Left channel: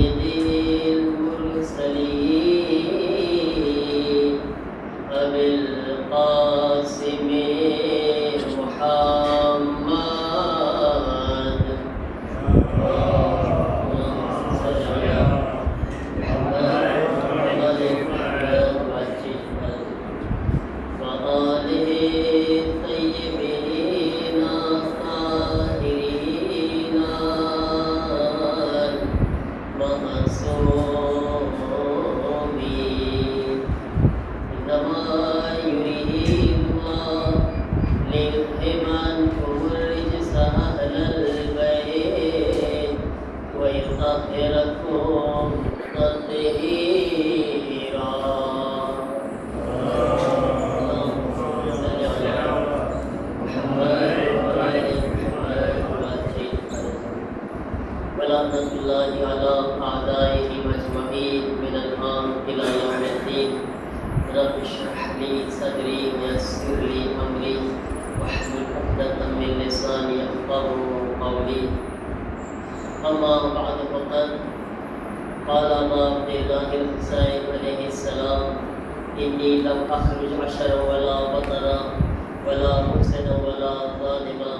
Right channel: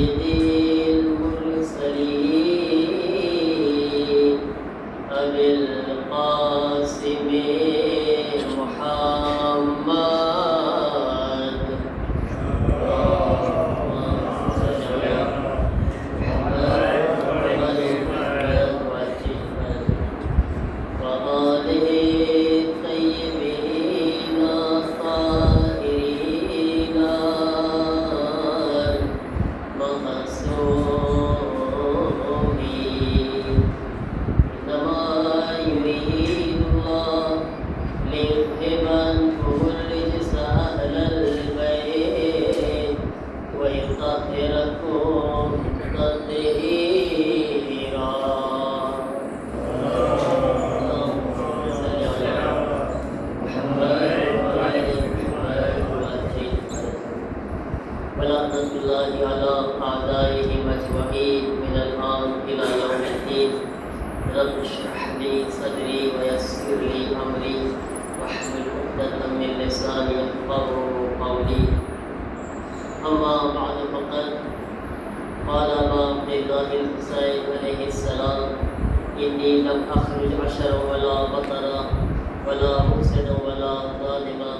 سيد المرسلين أبي القاسم محمد وآله الطيبين الطاهرين المعصومين إنما يريد الله ليذهب عنكم الرجس أهل البيت ويطهركم تطهيرا. ولعنة الله على أعدائهم أجمعين من الآن إلى يوم الدين. رب اشرح لي صدري ويسر لي أمري واحلل عقدة من لساني يفقهوا قولي. أما بعد فقد قال أبا عبد الله الحسين عليه السلام: إني لم أخرج عشرا ولا بطرا ولا محسنا ولا ظالما،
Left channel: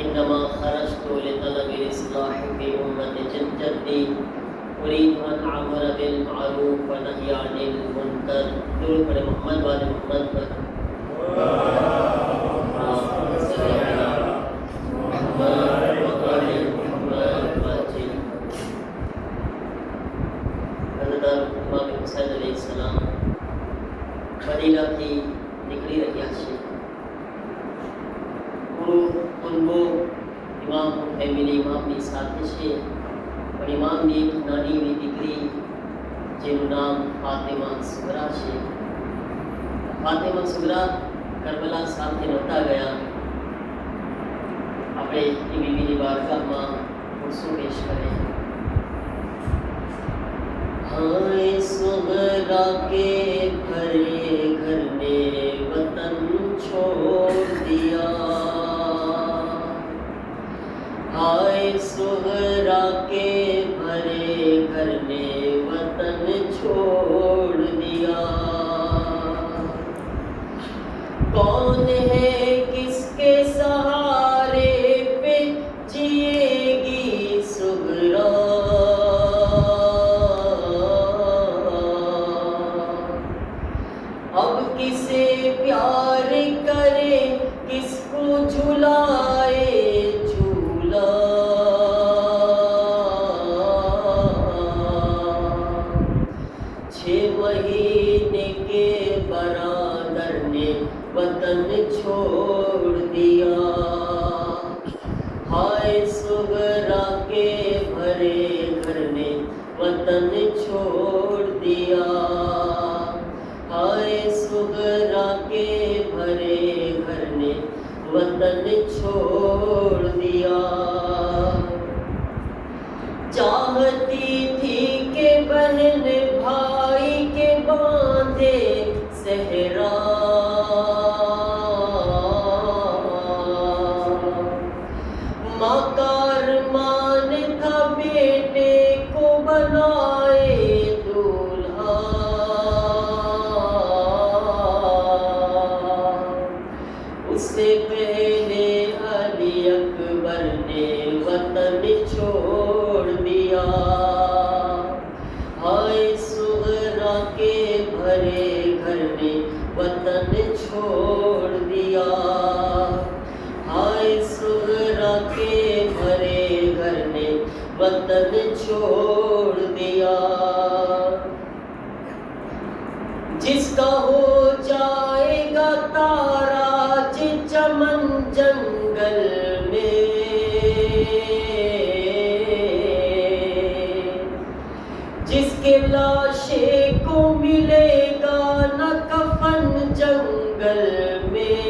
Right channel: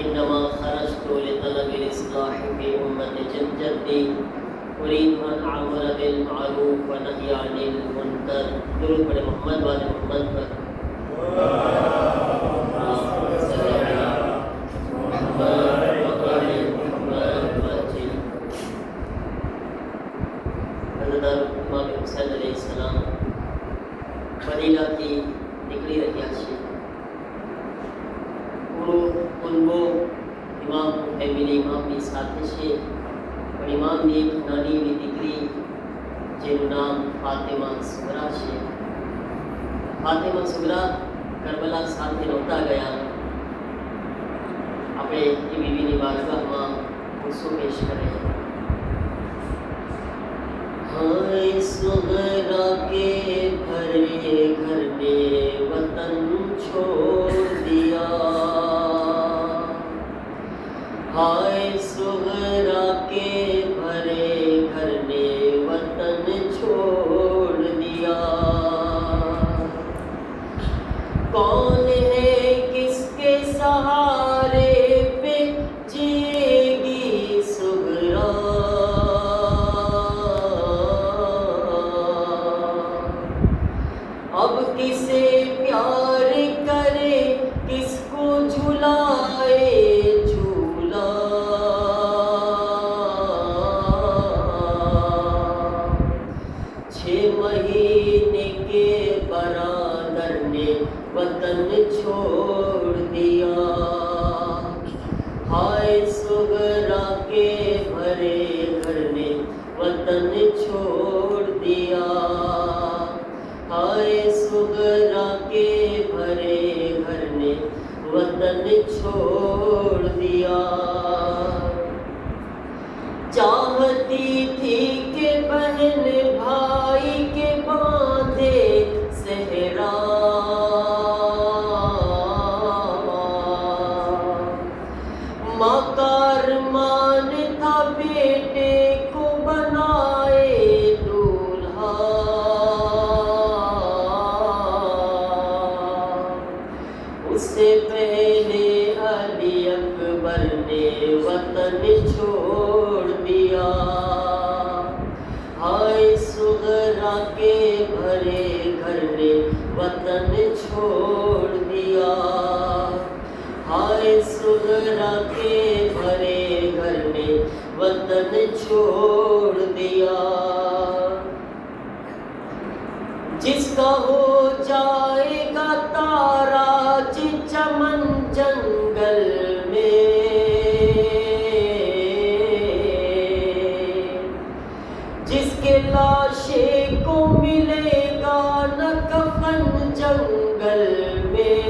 إنما خرجت لطلب الإصلاح في أمة جدي أريد أن أعمر بالمعروف ونهي عن المنكر. درود پڑھے محمد والے محمد پر. حضرت امام حسین علیہ السلام مدینہ کی نکلی رہی اچھی تنبو امام فیملی امام ની સાથે છે પણ ઇમામની એક નાની દીકરી જેનું નામ ફાતિમા સુગરા છે. ફાતિમા સુગરા કરબલા સાથે નહોતા ગયા. આપણે એ બીવીની વાર્તામાં શું પેશ કરે. हाय सुगरा के भरे घर में वतन छोड़ दिया. हाय सुगरा के भरे घर में वतन छोड़ दिया. कौन है किसके सहारे पे जिएगी सुगरा. अब किसे प्यार करे किसको झुलाए झूला. छह महीने के बरादर ने वतन छोड़ दिया. हाय सुगरा के भरे घर ने वतन छोड़ दिया. हाय सुगरा के भरे घर ने वतन छोड़ दिया. चाहती थी कि बहन भाई के बांधे सहरा. माँ का अरमान था बेटे को बनाए दूल्हा. उससे पहले अली अकबर ने वतन छोड़ दिया. हाय सुगरा के भरे घर ने वतन छोड़ दिया. हाय सुगरा के भरे घर ने वतन छोड़ दिया. जिसका हो जाएगा ताराज चमन जंगल में. जिसके लाशे को मिलेगा न कफन जंगल में.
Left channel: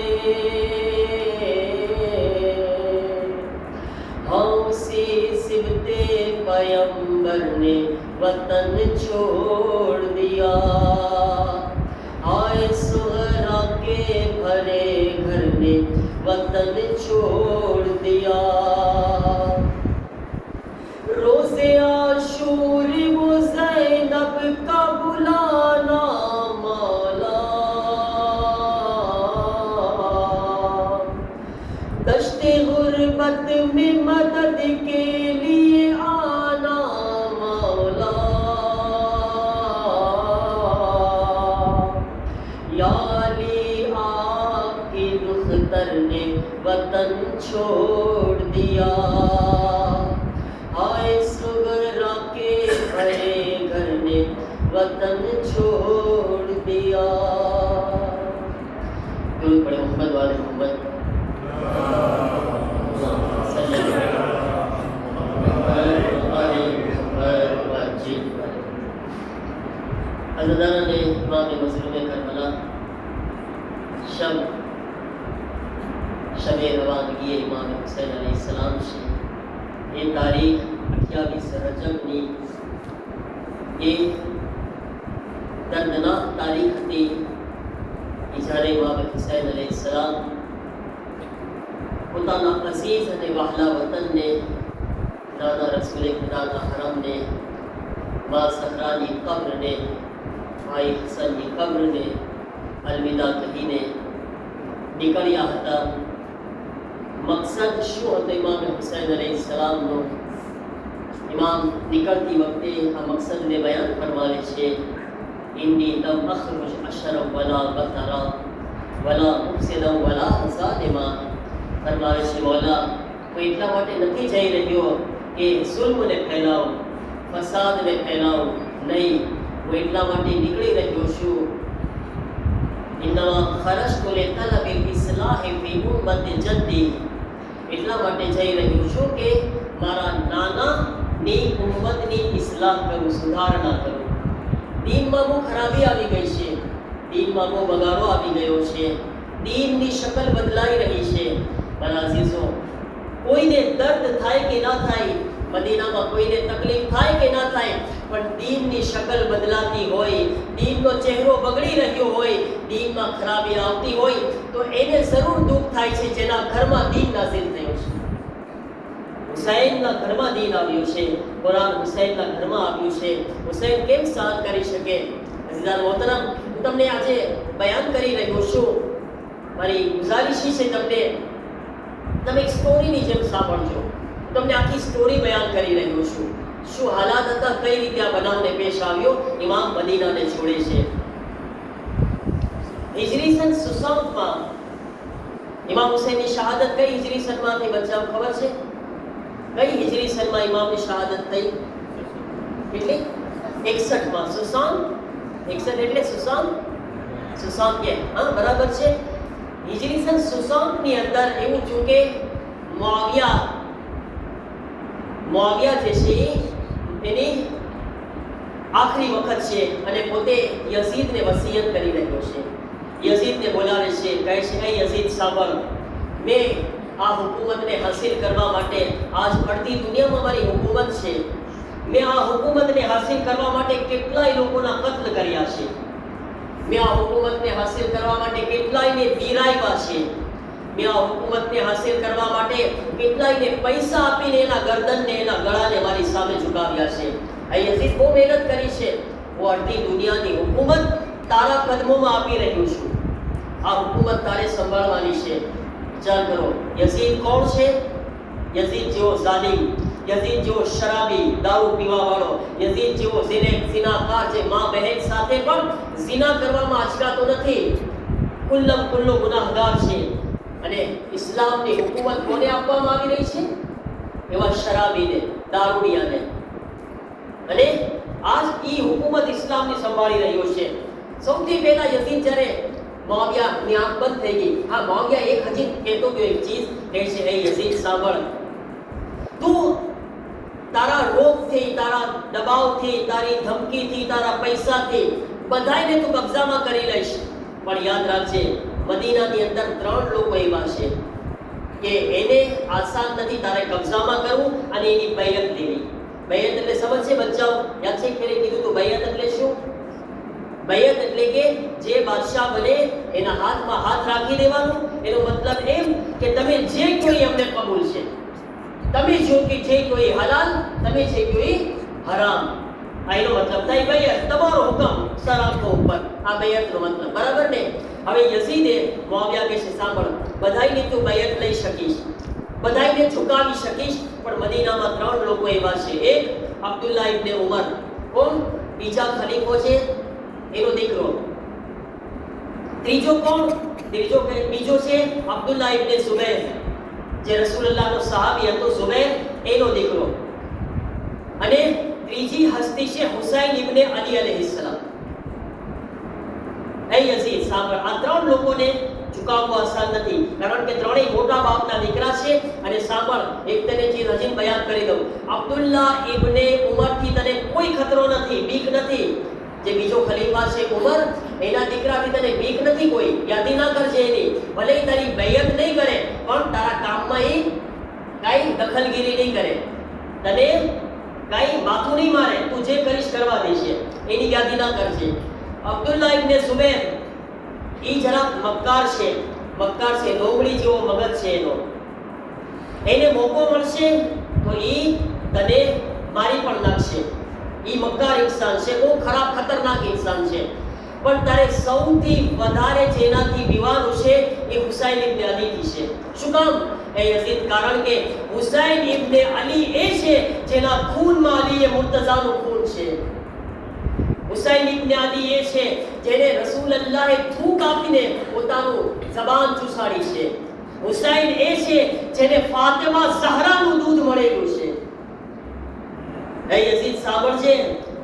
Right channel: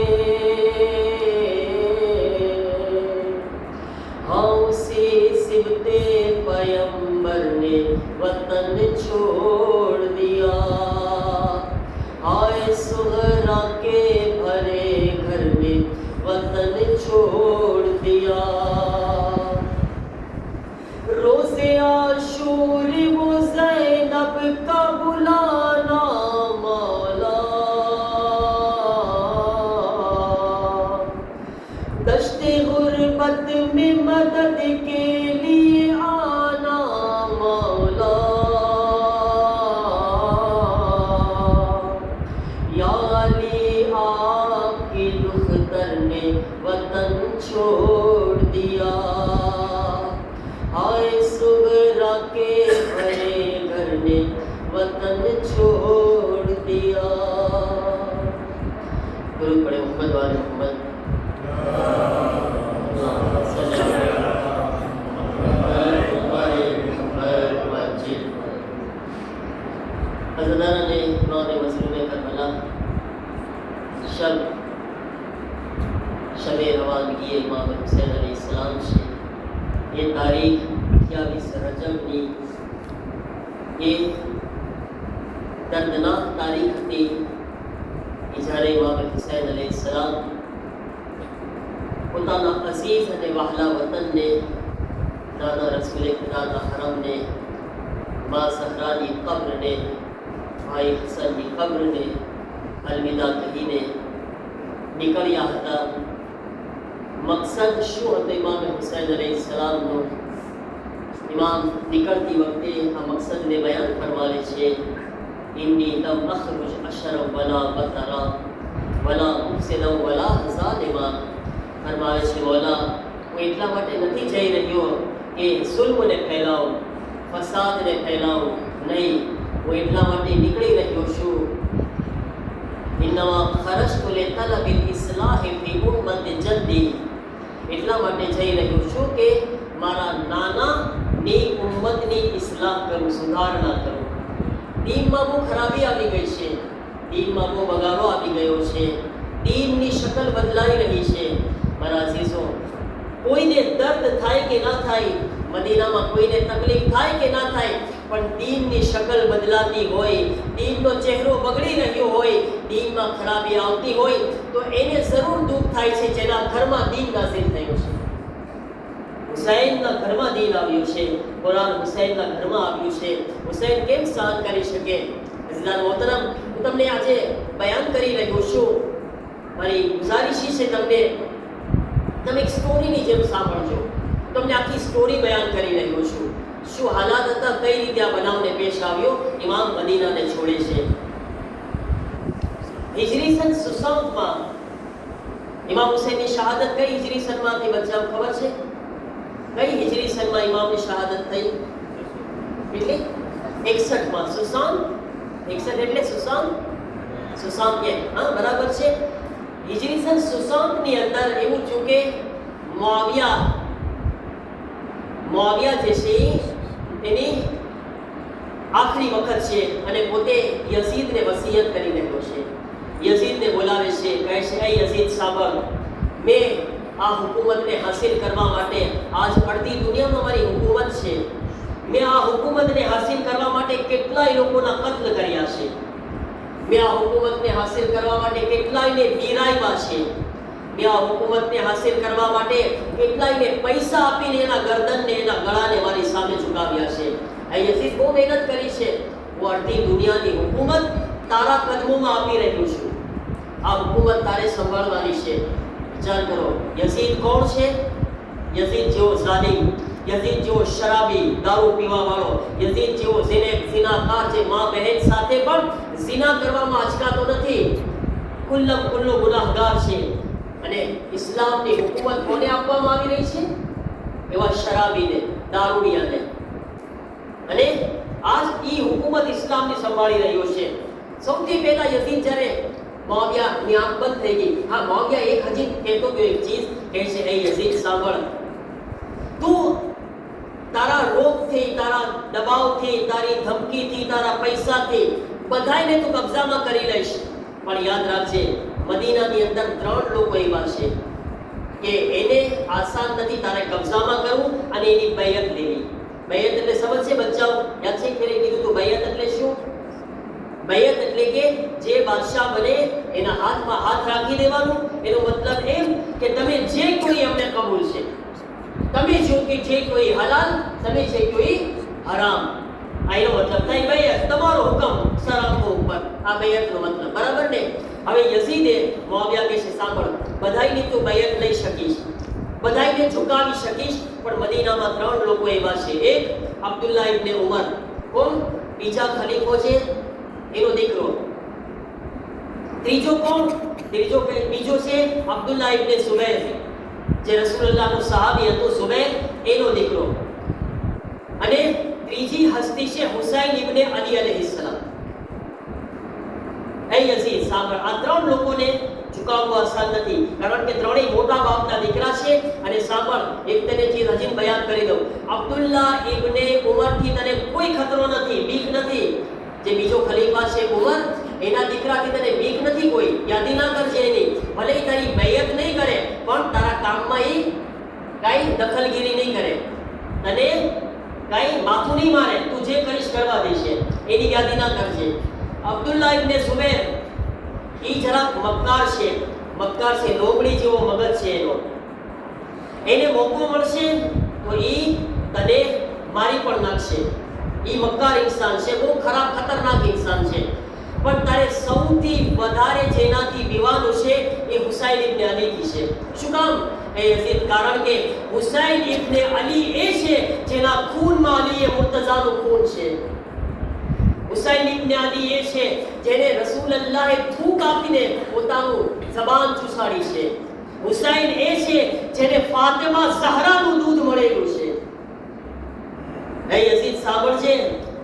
हाँ उसी सिबते पैगंबर ने वतन छोड़ दिया. हाय सुगरा के भरे घर ने वतन छोड़ दिया. रोज़े आशूरा का बुलाना मौला, दश्ते गुर्बत में मदद के लिए आना मौला, या अली आपकी दुख्तर ने वतन छोड़ दिया, आए सुगरा के भरे घर ने वतन छोड़ दिया। गुरु पढ़े मोहम्मद वाले मोहम्मद अज़दारा ने इमाम मज़लूम करबला शब रवानगी इमाम हुसैन अलैहिस्सलाम से ये तारीख 28 रजब ની ये दर्दनाक तारीख थी જ્યારે ઇમામ હુસૈન अलैहिस्सलाम પોતાના અઝીઝ અને વહાલા વતનને, નાના રસૂલ ખુદાના હરમને, મા સહરાની કબ્રને, ભાઈ હસનની કબ્રને અલવિદા કહીને નીકળ્યા હતા. મકસદ શું હતો ઇમામ હુસૈન अलैहिस्सलामનો? ઇમામ નીકળતી વખતે આ મકસદને બયાન ફરમાવે છે. ઇન્ની લમ અખરુજ અશરફ વલા બતરા વલા મુફસિદા વલા ઝાલિમા. ફરમાવે છે, મૌલા હું એટલા માટે નથી જઈ રહ્યો કે સુલ્મને ફેલાવું, ફસાદને ફેલાવું, નહીં, હું એટલા માટે નીકળી રહ્યો છું. ઇન્નમા ખરજતુ લિતલબિલ ઇસ્લાહી ફી ઉમ્મતિ જદ્દી. એટલા માટે જઈ રહ્યો છું કે મારા નાનાની ઉમ્મતની ઇસ્લાહ કરું, સુધારણા કરું. દીનમાં બહુ ખરાબી આવી ગઈ છે, દીનમાં બહુ બગાડો આવી ગયો છે, દીનની શકલ બદલાઈ રહી છે. મારા અઝીઝો, કોઈને દર્દ થાય કે ના થાય, મદીનામાં કોઈને તકલીફ થાય કે ના થાય, પણ દીનની શકલ બદલાતી હોય, દીનનો ચહેરો બગડી રહ્યો હોય, દીનમાં ખરાબી આવતી હોય તો એને જરૂર દુઃખ થાય છે જેના ઘરમાં દીન નાઝિલ થયું છે. હુસૈનના ઘરમાં દીન આવ્યું છે, કુરાન હુસૈનના ઘરમાં આવ્યું છે. હુસૈન કેમ સહન કરી શકે? અઝીઝાન મોહતરમ, હું તમને આજે બયાન કરી રહ્યો છું. મારી ગુજારિશ છે તમને, તમે એક સ્ટોરીની જેમ સાંભળજો. તમને આખી સ્ટોરી બયાન કરી રહ્યો છું. શું હાલાત હતા, કઈ રીતે આ બનાવને પેશ આવ્યો. ઇમામ મદીનાને છોડે છે. હિજરી સન 67 માં ઇમામ હુસૈનની શહાદત કઈ હિજરી સનમાં થઈ? બચ્ચાઓ ખબર છે કઈ હિજરી સનમાં ઇમામની શહાદત થઈ? એટલે 61 માં. 61 એટલે 60 કે હા, બરાબર છે. હિજરી સન 60 ની અંદર એવું થયું કે મુઆવિયા જે છે તેની આખરી વખત છે અને પોતે યઝીદને વસિયત કરી રહ્યો છે. યઝીદને બોલાવે છે, કહે છે, એ યઝીદ સાંભળ, મેં આ હુકુમતને હાસિલ કરવા માટે, આજ અડધી દુનિયામાં મારી હુકુમત છે, મેં આ હુકુમતને હાસિલ કરવા માટે કેટલાય લોકોના કત્લ કર્યા છે, મેં આ હુકુમતને હાસિલ કરવા માટે કેટલાયને વીરાવ્યા છે, મેં આ હુકુમતને હાસિલ કરવા માટે કેટલાયને પૈસા આપીને એના ગરદનને, એના ગળાને મારી સામે ઝુકાવ્યા છે. આ યઝીદ બહુ મહેનત કરી છે. હું અડધી દુનિયાની હુકુમત તારા કદમોમાં આપી રહ્યો છું. આ હુકુમત તારે સંભાળવાની છે. વિચાર કરો, યઝીદ કોણ છે? યઝીદ જેવો ઝાલિમ, યઝીદ જેવો શરાબી, દારૂ પીવા વાળો, યઝીદ જેવો ઝિનાકાર, જે મા બહેન સાથે પણ ઝિના કરવામાં અચકાતો નથી, ખુલ્લમ ખુલ્લો ગુનાહગાર છે. અને ઇસ્લામની હુકુમત કોને આપવામાં આવી રહી છે? એવા શરાબીને, દારૂડિયાને. અને આજ ઈ હુકુમત ઇસ્લામની સંભાળી રહ્યો છે. સૌથી પહેલા યઝીદ જ્યારે મુઆવિયાની આંખ બંધ થઈ ગઈ, આ મુઆવિયા એક હજી કહેતો ગયો એક ચીજ, કહે છે, એ યઝીદ સાંભળ, તું તારા રોગથી, તારા દબાવથી, તારી ધમકીથી, તારા પૈસાથી બધાયને તું કબજામાં કરી લઈશ, પણ યાદ રાખજે, મદીનાની અંદર 3 લોકો એવા છે કે એને આસાન નથી તારે કબજામાં કરવું અને એની બૈયત લેવી. બૈયત એટલે સમજશે બચ્ચાઓ? યાદ છે કે કીધું તું બૈયત એટલે શું? બૈયત એટલે કે જે બાદશાહ બને એના હાથમાં હાથ રાખી દેવાનું. એનો મતલબ એમ કે તમે જે કોઈ અમને કબૂલ છે, તમે જો કે જે કોઈ હલાલ, તમે જે કોઈ હરામ. આનો મતલબ થાય ભાઈ તમારો હુકમ સર આપવો ઉપર આ બૈયતનો મતલબ બરાબર ને હવે યઝીદે મુઆવિયા કહે છે સાંભળ બધાયની તું બૈયત લઈ શકીશ બધાયને ઝુકાવી શકીશ પણ મદીનામાં 3 લોકો એવા છે એક અબ્દુલ્લાહ ઇબ્ન ઉમર કોણ બીજા ખલીફો છે એનો દીકરો ત્રીજો કોણ બીજો છે અબ્દુલ્લાહ ઇબ્ન ઝુબૈર જે રસૂલુલ્લાહનો સહાબી હતો ઝુબૈર એનો દીકરો અને ત્રીજી હસ્તી છે હુસૈન ઇબ્ન અલી અલૈહિસ્સલામ એ યઝીદ સાંભળ આ 3 લોકોને ઝુકાવવું આસાન નથી કારણ કે ત્રણેય મોટા બાપના દીકરા છે અને સાંભળ એક તને જે રજીમ બયાન કરી દઉં અબ્દુલ્લાહ ઇબ્ન ઉમરથી તને કોઈ ખતરો નથી બીક નથી જે બીજો ખલીફા છે ઉમર એના દીકરાથી તને બીક નથી કોઈ યાદી ના કરજે એની ભલે તારી બૈયત નહીં કરે પણ તારા કામમાં એ કાઈ દખલગીરી નહીં કરે તને કાઈ માથું નહીં મારે તું જે કરીશ કરવા દેશે એની યાદી ના કરજે અબ્દુલ્લાહ ઇબ્ન ઝુબૈર ઈ જરાક મક્કાર છે લોમડી જેવો મગજ છે એનો એને મોકો મળશે તો ઈ તને મારી પણ નાખશે ઈ મક્કાર ઇન્સાન છે બહુ ખરાબ ખતરનાક ઇન્સાન છે પણ તારે સૌથી વધારે જેનાથી વિવાનું છે એ હુસૈન ઇબ્ન અલીથી છે શું કામ એ યઝીદ કારણ કે હુસૈન ઇબ્ન અલી એ છે જેના ખૂનમાં અલી એ મુર્તઝાનું ખૂન છે હુસૈન ઇબ્ન અલી એ છે જેને રસૂલુલ્લાહે થૂક આપીને પોતાનું જબાન ચૂસાડી છે હુસૈન એ છે જેને ફાતિમા ઝહરાનું દૂધ મળેલું છે હે યઝીદ સાંભળજે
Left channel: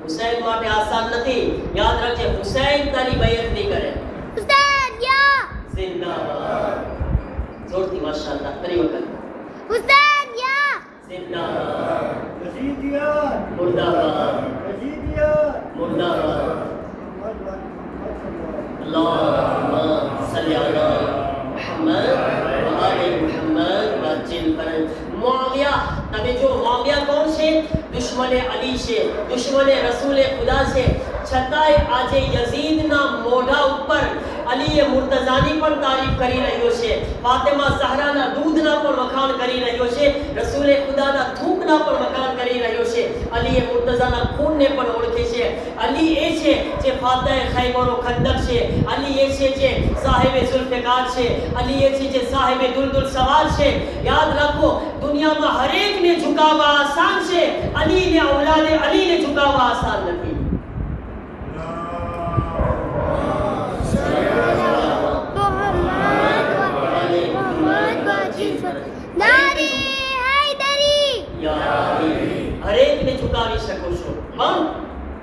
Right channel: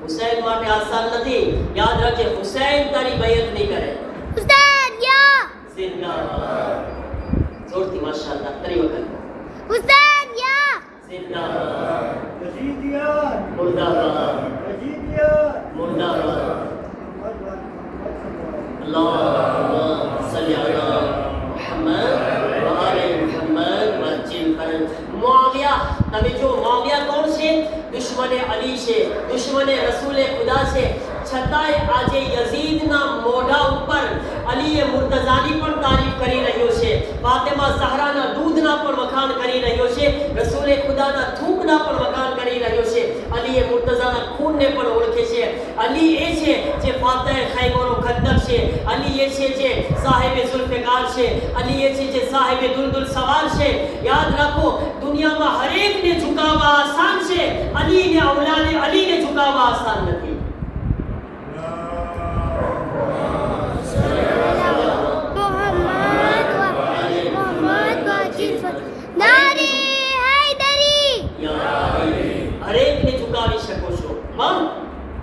હુસૈન માટે આસાન નથી યાદ રાખજે હુસૈન તારી બૈયત નહીં કરે હુસૈન યા જિંદાબાદ જોરથી માશાઅલ્લાહ ફરી વખત હુસૈન યા જિંદાબાદ યઝીદિયા મુર્દાબાદ યઝીદિયા મુર્દાબાદ અલ્લાહુમ્મા સલ્લી અલા મુહમ્મદ વ આલે મુહમ્મદ વજિલ ફરજ મુઆવિયા તમે જો મુઆવિયા કોણ છે દુશ્મને અલી છે દુશ્મને રસૂલે ખુદા છે છતાંય આજે યઝીદના મોઢા ઉપર અલીએ મુર્તઝાની પણ તારીફ કરી રહ્યો છે ફાતિમા ઝહરાના દૂધના પણ વખાણ કરી રહ્યો છે રસૂલે ખુદાના થૂકના પણ વખાણ કરી રહ્યો છે અલીએ મુર્તઝાના ખૂનને પણ ઓળખે છે અલી એ છે જે ફાતહ ખૈબર વ ખંદક છે અલી એ છે જે સાહિબે ઝુલ્ફિકાર છે અલી એ છે જે સાહિબે દુલદુલ સવાર છે યાદ રાખો દુનિયામાં હરેકને ઝુકાવવા આસાન છે અલીને ઔલાદે અલીને ઝુકાવવા આસાન નથી હરેકને ઝુકાવી શકો છો પણ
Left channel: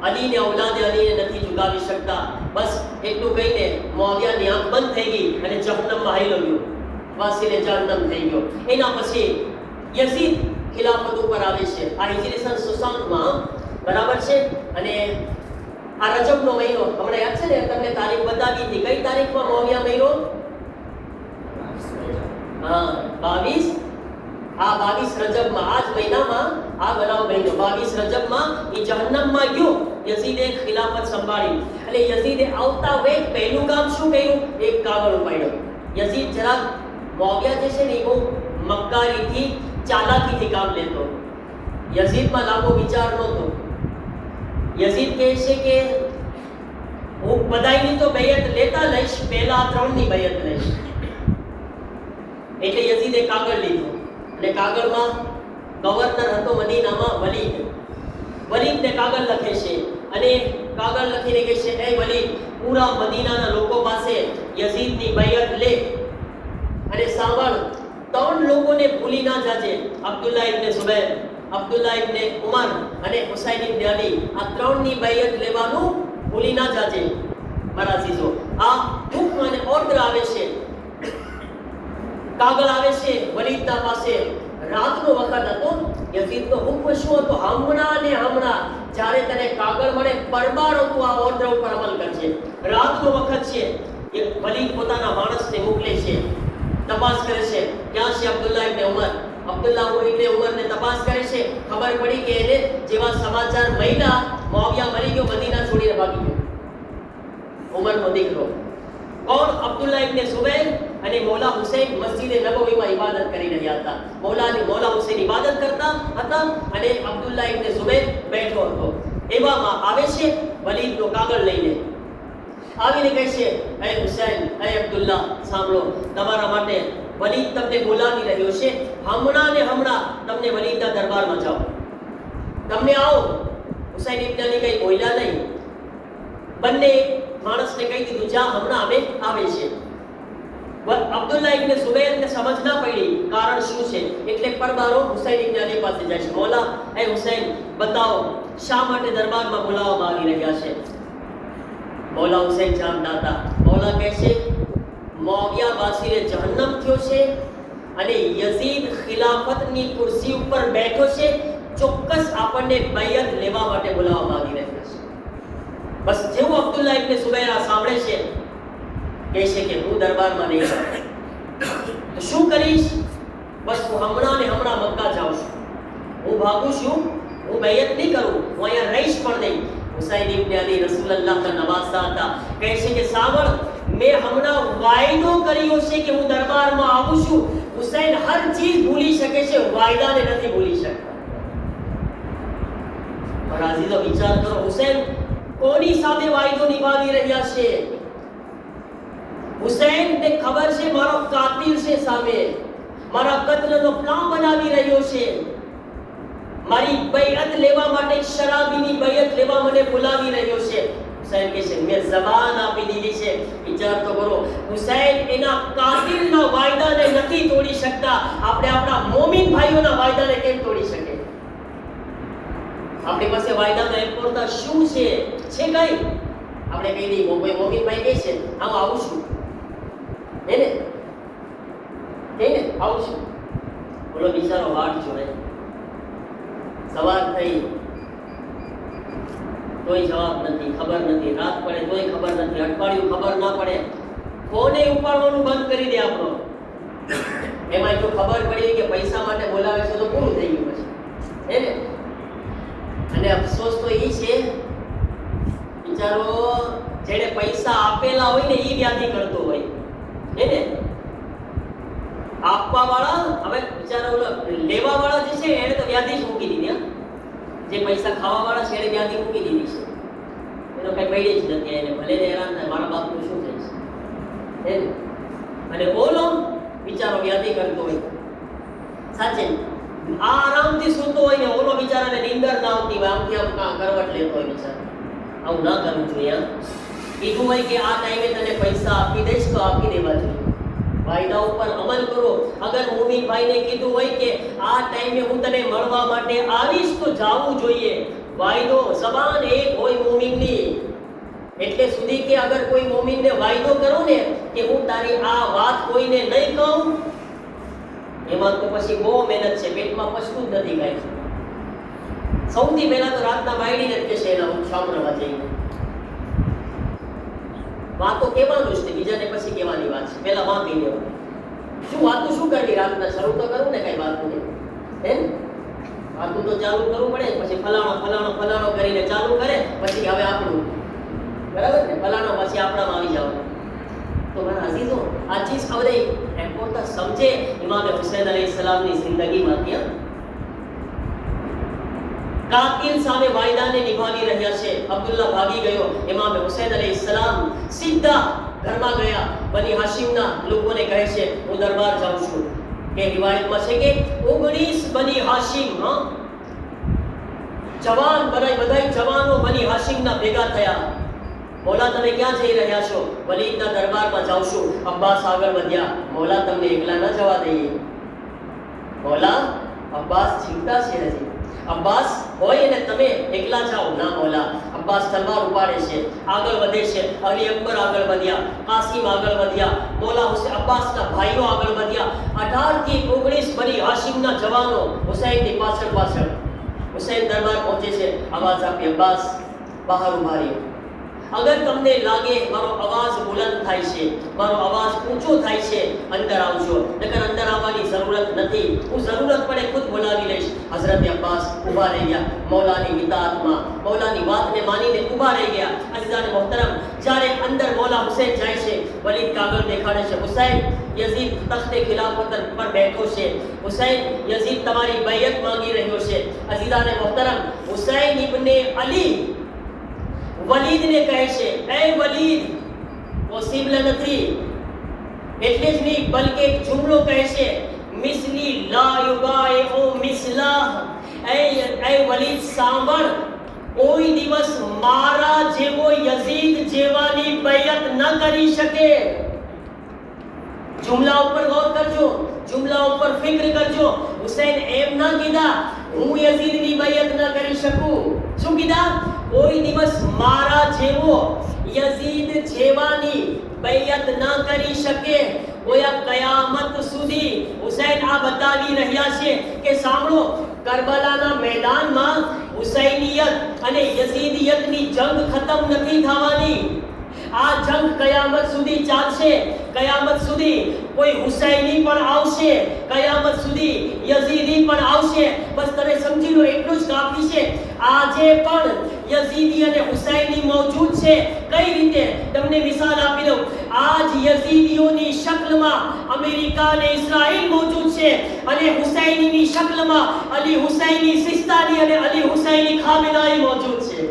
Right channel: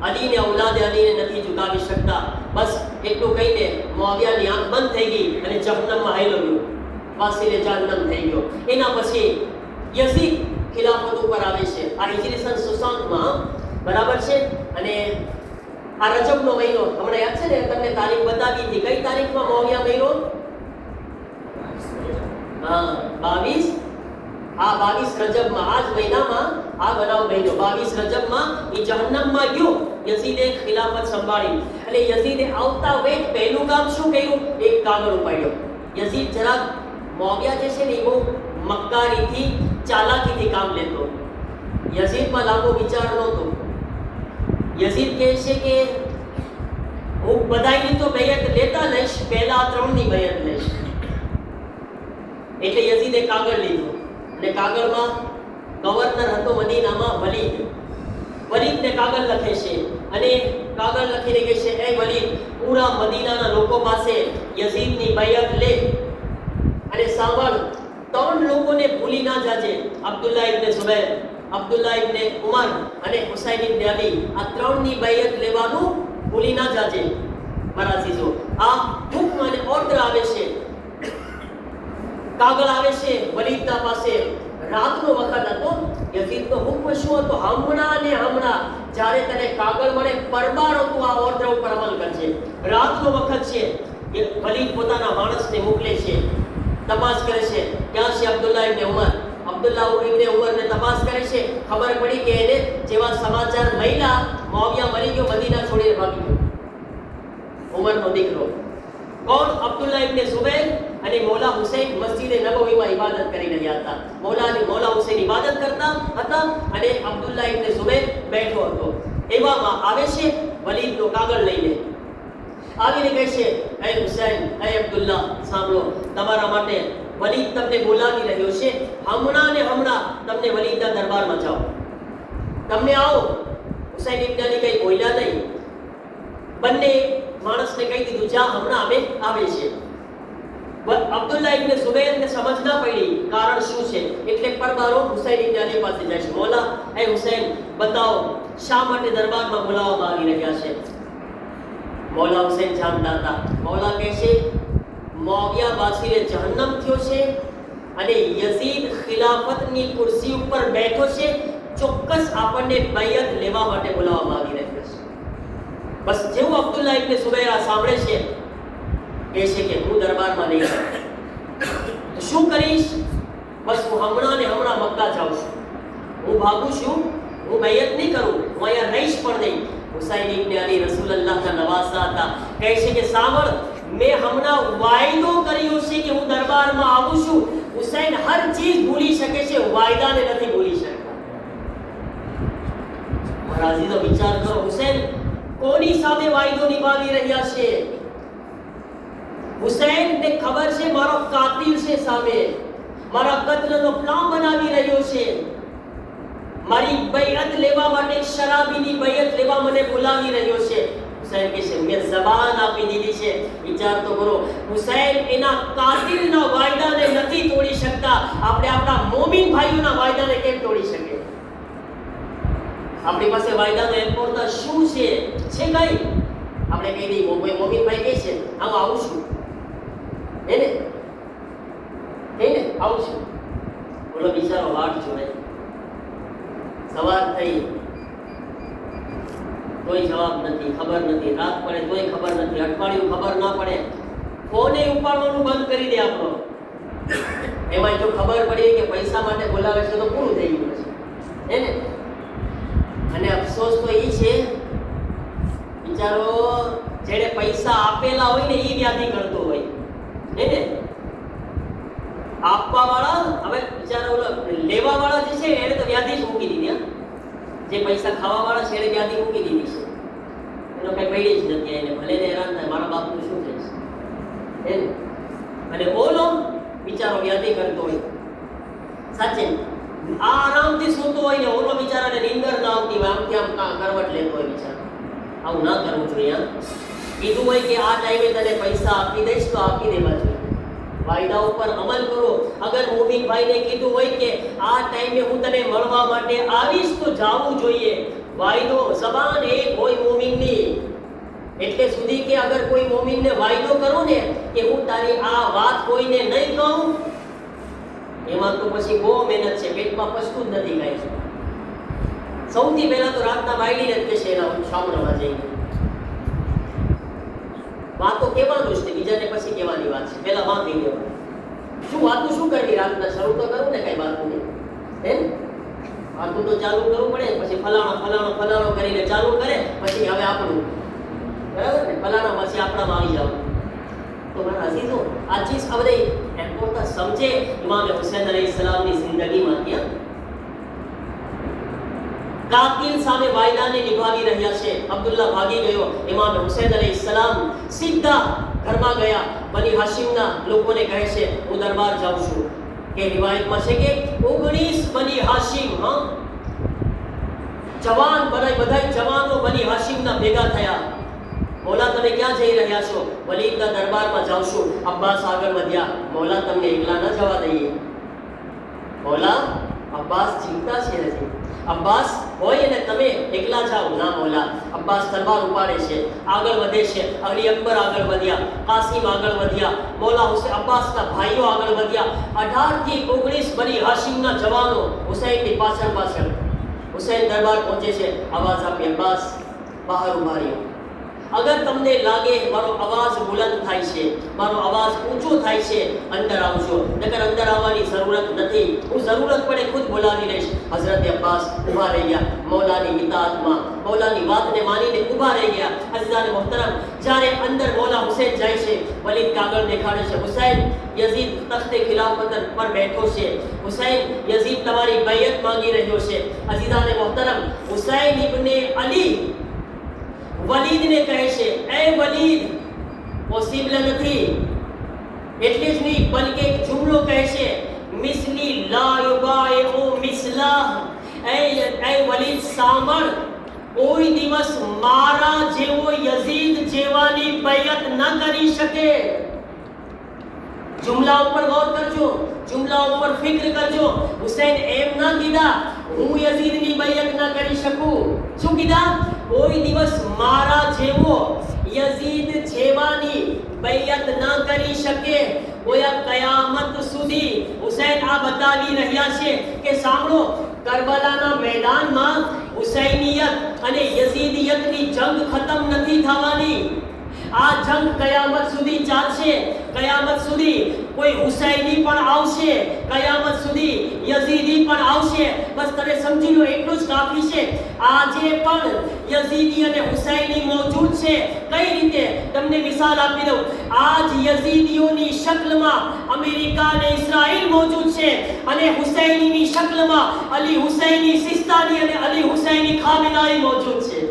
અલીને ઔલાદે અલીને નથી ઝુકાવી શકતા બસ એટલું કહીને મુઆવિયાની આંખ બંધ થઈ ગઈ અને જહન્નમમાં હાલ્યો ગયો વાસીને જહન્નમ થઈ ગયો એના પછી યઝીદ ખિલાફત ઉપર આવે છે આ હિજરી સન 67 બરાબર છે અને આ રજબનો મહિનો તમને યાદ છે ને તમને તારીખ બતાવી હતી કઈ તારીખમાં મુઆવિયા મહિનો 22 રજબમાં આ જ મહિનામાં આ બનાવ બન્યો 22 રજબમાં એ જહન્નમમાં ગયો યઝીદે ખિલાફત સંભાળી એટલે યઝીદે આવતા વેત પહેલું કામ શું કર્યું એક કાગળ ઉપાડ્યો યઝીદ જરાક મુઆવિયા જે છે ને એ બહુ મક્કારીથી ચાલાકીથી કામ લેતો યઝીદમાં લાંબો વિચાર નહોતો યઝીદ કહે છે કે હું બધાયની તો બૈયત લેતા લઈશ પહેલા 3 ની બૈયત લઈશ એટલે યઝીદે કાગળ લીધો અને કાગળમાં ગવર્નર હતો મદીનામાં વલીદને કાગળ લખે છે અને કાગળ લખીને કહે છે એ વલીદ પૂરા મદીનાના લોકો પાસે યઝીદની બૈયત લે અને સાંભળ 3 લોકોને ભૂલી ના જાજે અબ્દુલ્લાહ ઇબ્ન ઝુબૈર અબ્દુલ્લાહ ઇબ્ન ઉમર અને હુસૈન ઇબ્ન અલી આ 3 ની બૈયત લેવાનું ભૂલી ના જાજે બરાસીજો આ હુકમ અને ઓર્ડર આવે છે કાગળ આવે છે વલીદના પાસે રાતનો વખત હતો યઝીદનો હુકમ શું હતો હમણાં જ્યારે તને કાગળ મળે પરબારો તું આ ઓર્ડર ઉપર અમલ કરજે રાતનો વખત છે એ વલીદ પોતાના માણસને મોકલે છે તપાસ કરે છે ક્યાં છે અબ્દુલ્લાહ ઇબ્ન ઉમર અબ્દુલ્લાહ ઇબ્ન ઉમરને તપાસ કરે છે ખબર પડી કે એને જેવા સમાચાર મળ્યા મુઆવિયા મરી ગયો મદીના છોડીને ભાગી ગયો ઉમરનો દીકરો કોણ અબ્દુલ્લાહ ઇબ્ન ઝુબૈર અને મૌલા હુસૈન મસ્જિદે નબવીમાં ઇબાદત કરી રહ્યા હતા મૌલા હુસૈન ઇબાદત કરતા હતા અને અબ્દુલ્લાહ ઇબ્ન ઝુબૈર બેઠો હતો એવામાં આવે છે વલીદનો કાગળ લઈને, આવીને કહે છે, હે હુસૈન, હે અબ્દુલ્લા, સાંભળો, તમારા માટે વલીદ તમને બોલાવી રહ્યો છે, હમણાં ને હમણાં તમને વલીદના દરબારમાં જાઓ, તમને આવો. હુસૈન ઇબ્ન અલી કઈ બોલ્યા નહીં, બંને માણસને કહી દીધું, જા, હમણાં આવે છે. અબ્દુલ્લા ઇબ્ન ઝુબૈરને સમજ ના પડી કારણ શું છે, એટલે પરબારો હુસૈન ઇબ્ન અલી પાસે જાય છે. મોલા, હે હુસૈન, બતાવો શા માટે દરબારમાં બોલાવવામાં આવી રહ્યા છે. મૌલા હુસૈન જાણતા હતા. મૌલા કહે છે, મુઆવિયા બાસીરે જહન્નમ થયો છે અને યઝીદ ખિલાફતની ખુરશી ઉપર બેઠો છે, ચોક્કસ આપણને બૈયત લેવા માટે બોલાવવામાં આવી રહ્યા છે. બસ જેવું અબ્દુલ્લા ઇબ્ન ઝુબૈર સાંભળે છે, કહે છે કે હું દરબારમાં નહીં જાઉં, તો શું કરીશ? બસ હું હમણાં ને હમણાં મક્કા જાઉં છું, હું ભાગું છું, હું બૈયત નહીં કરું, હું અહીંયા રહીશ પણ નહીં. હુસૈન ઇબ્ન અલી રસૂલુલ્લાહના નવાસા હતા. કહે છે કે સાંભળ, મેં હમણાં વાયદો કર્યો છે કે હું દરબારમાં આવું છું. હુસૈન હર ચીજ ભૂલી શકે છે, વાયદાને નથી ભૂલી શકતા. રાજીનો વિચાર કરો, હુસૈન કોની સામે વાયદો નિભાવી રહ્યા છે? હુસૈનને ખબર છે મારો કાતિલ છે સામે, મારા કત્લનો પ્લાન બનાવી રહ્યો છે, મારી બૈયત લેવા માટે, શરાબીની બૈયત લેવા મને બોલાવી રહ્યો છે. હુસૈન કહે છે, મેં જબાન આપી દીધી છે. વિચાર તો કરો, હુસૈન એના કાતિલના વાયદાને નથી તોડી શકતા, આપણે આપણા મોમિન ભાઈઓના વાયદાને કેમ તોડી શકે? આપણી પાસે વાયદાનો એમ્પોર્ટા શું છે કઈ? આપણે કહી દઈએ, મોમિન ભાઈ કહે છે, હું આવું છું, એને આવું છું. બોલો, બિચારો વાટ જોડે, સવાર થઈ કોઈ જવાબ નથી, ખબર નથી, રાત પડે તોય ખબર નથી, અઠવાડિયું ખબર ના પડે, ફોને ઉપાડવાનું બંધ કરી દે આપણો. એમાં જો ખબર પડી કે પૈસા માટે બોલાવે છે તો પૂરું થઈ ગયું છે, ને? અને અફસોસ તો એ છે, બિચારો જેને પૈસા આપેલા હોય ને એ વ્યાધિ કરતો હોય, ને? આપવા વાળા, હવે બિચારા લેવા વાળા જે છે એને તો વ્યાધિ જ મૂકી દીધી. જે પૈસા ખાવા વાળા છે એને વ્યાધિ મૂકી દીધી છે, એનો કઈ પૈડી જ નથી. એને ભલે ને હેરાન થાય, મારા બાપનું શું થાય છે, અને ઓલો બિચારો વ્યાધિ કરતો હોય. સાચે આ આરામથી સૂતો હોય ને ઓલો બિચારાને નીંદર ના આવતી હોય, આમથી આમ કરવટ લેતો હોય બિચારો. આવું ના કરવું જોઈએ. કીધું હોય કે આ ટાઈમે તને પૈસા આપી દઈશ તો આપી દેવા જોઈએ. વાયદા ઉપર અમલ કરો. અગર મોમિન ભાઈને કીધું હોય કે આ ટાઈમે હું તને મળવા માટે આવીશ તો જાવું જોઈએ. વાયદો જબાન એક હોય મોમિનની, એટલે સુધી કે અગર કોઈ મોમિનને વાયદો કરો ને કે હું તારી આ વાત કોઈને નહીં કહું, એમાં તો પછી બહુ મહેનત છે, પેટમાં પછતું જ નથી કાંઈ. સૌથી પહેલા તો રાતના બાયડીને જ કહેશે એના સાંભળવા જઈને. વાતો કહેવાનું જ છે, બીજાને પછી કહેવાની વાત છે. પહેલા વાત કહી દેવું. શું વાતો શું કરવી રાતના? શરૂ તો કરું ને કઈ વાતો ને, હે? વાતો તો ચાલુ કરવું પડે, પછી ફલાણો કરીને ચાલુ કરે, પછી હવે આપણું, બરાબર ને? ફલાણો પછી આપણામાં આવી જાવ. તો મારા અઝીઝો, આ ચીજ આ બધા એમ્પોર્ટન્ટ સમજે. ઇમામ હુસૈન અલૈહિસ્સલામની જિંદગીમાં ત્યાં કાતિલ સામે વાયદાને નિભાવી રહ્યા છે. અબ્દુલ્લા ભાગી ગયો. ઇમામ હુસૈન અલૈહિસ્સલામ સીધા ઘરમાં ગયા. બની હાશિમના લોકોને કહે છે હું દરબાર જાઉં છું. કે રિવાયતમાં છે કે 19 બની હાશિમ, જવાન બધા જવાનો બની હાશિમના ભેગા થયા. મોલા તમે ક્યાં જઈ રહ્યા છો? વલીદના દરબારમાં જાઉં છું. અબ્બાસ આગળ વધ્યા. મોલા તમને એકલા ન જવા દઈએ. મોલા, અબ્બાસ જીવતા છે નથી. અબ્બાસ હોય ને તમે એકલા જાઓ. ના મોલા. અબ્બાસ તલવાર ઉપાડે છે, આગળ વધે છે. અલી અકબર આગળ વધ્યા, કાસિમ આગળ વધ્યા, મોલા હુસૈન અબ્બાસના ભાઈઓ આગળ વધ્યા. 18 થી 19 બની હાશિમના જવાનો હુસૈનની પાછળ. હુસૈન દરબાર પહોંચે છે. આવાજ આપી, અબ્બાસ બહાર ઉભા રહ્યો. અગર તમને લાગે મારો અવાજ બુલંદ થાય છે, મારો અવાજ ઊંચો થાય છે, અંદર આવજો. નકર અંદર આવવાની જરૂરત નથી. હું જરૂરત પડે ખુદ બોલાવી લઈશ. હઝરત અબ્બાસ ઊભા રહી ગયા. મૌલાની ઇતાઅતમાં, મૌલાની વાતને માનીને ઊભા રહી ગયા. અઝીઝાન અઝીઝાન મોહતરમ, જ્યારે અંદર મૌલા હુસૈન જાય છે, વલીદ કાગળ દેખાડે છે, હુસૈન યઝીદ તખ્તે ખિલાફત પર બેઠો છે, હુસૈન યઝીદ તમારી બૈયત માંગી રહ્યો છે. અઝીઝાન મોહતરમ, હુસૈન ઇબ્ને અલી વલીદને કહે છે, એ વલીદ પોસિબલ નથી. એટલે જ નહીં, બલકે એક જુમલો કહે છે, મિસલી લા યુબાઇઉ મિસલા. એ વલીદ સાંભળ, કોઈ દિવસ મારા જેવો યઝીદ જેવાની બૈયત ન કરી શકે. જુમલા ઉપર ગૌર કરજો, જુમલા ઉપર ફિક્ર કરજો. હુસૈન એમ ના કીધા હું યઝીદની બૈયત ન કરી શકું. શું કીધા? કોઈ દિવસ મારા જેવો યઝીદ જેવાની બૈયત ન કરી શકે. ગોયા કયામત સુધી હુસૈન આ બતાવી રહ્યા છે કે સાંભળો, કરબલાના મેદાનમાં હુસૈનિયત અને યઝીદિયતની જંગ ખતમ નથી થવાની. આ જંગ કયામત સુધી ચાલશે. કયામત સુધી કોઈ હુસૈની પણ આવશે, કયામત સુધી યઝીદી પણ આવશે. બસ તમે સમજી લો, એટલું જ કાફી છે. આજે પણ યઝીદી અને હુસૈની મોજૂદ છે. કઈ રીતે? તમને મિસાલ આપી દઉં. આજ યઝીદીઓની શક્લમાં અમેરિકા અને ઇઝરાયલ મોજૂદ છે, અને હુસૈનીની શક્લમાં અલી હુસૈની સિસ્તાની અને અલી હુસૈની ખામેનાઈ મોજૂદ છે.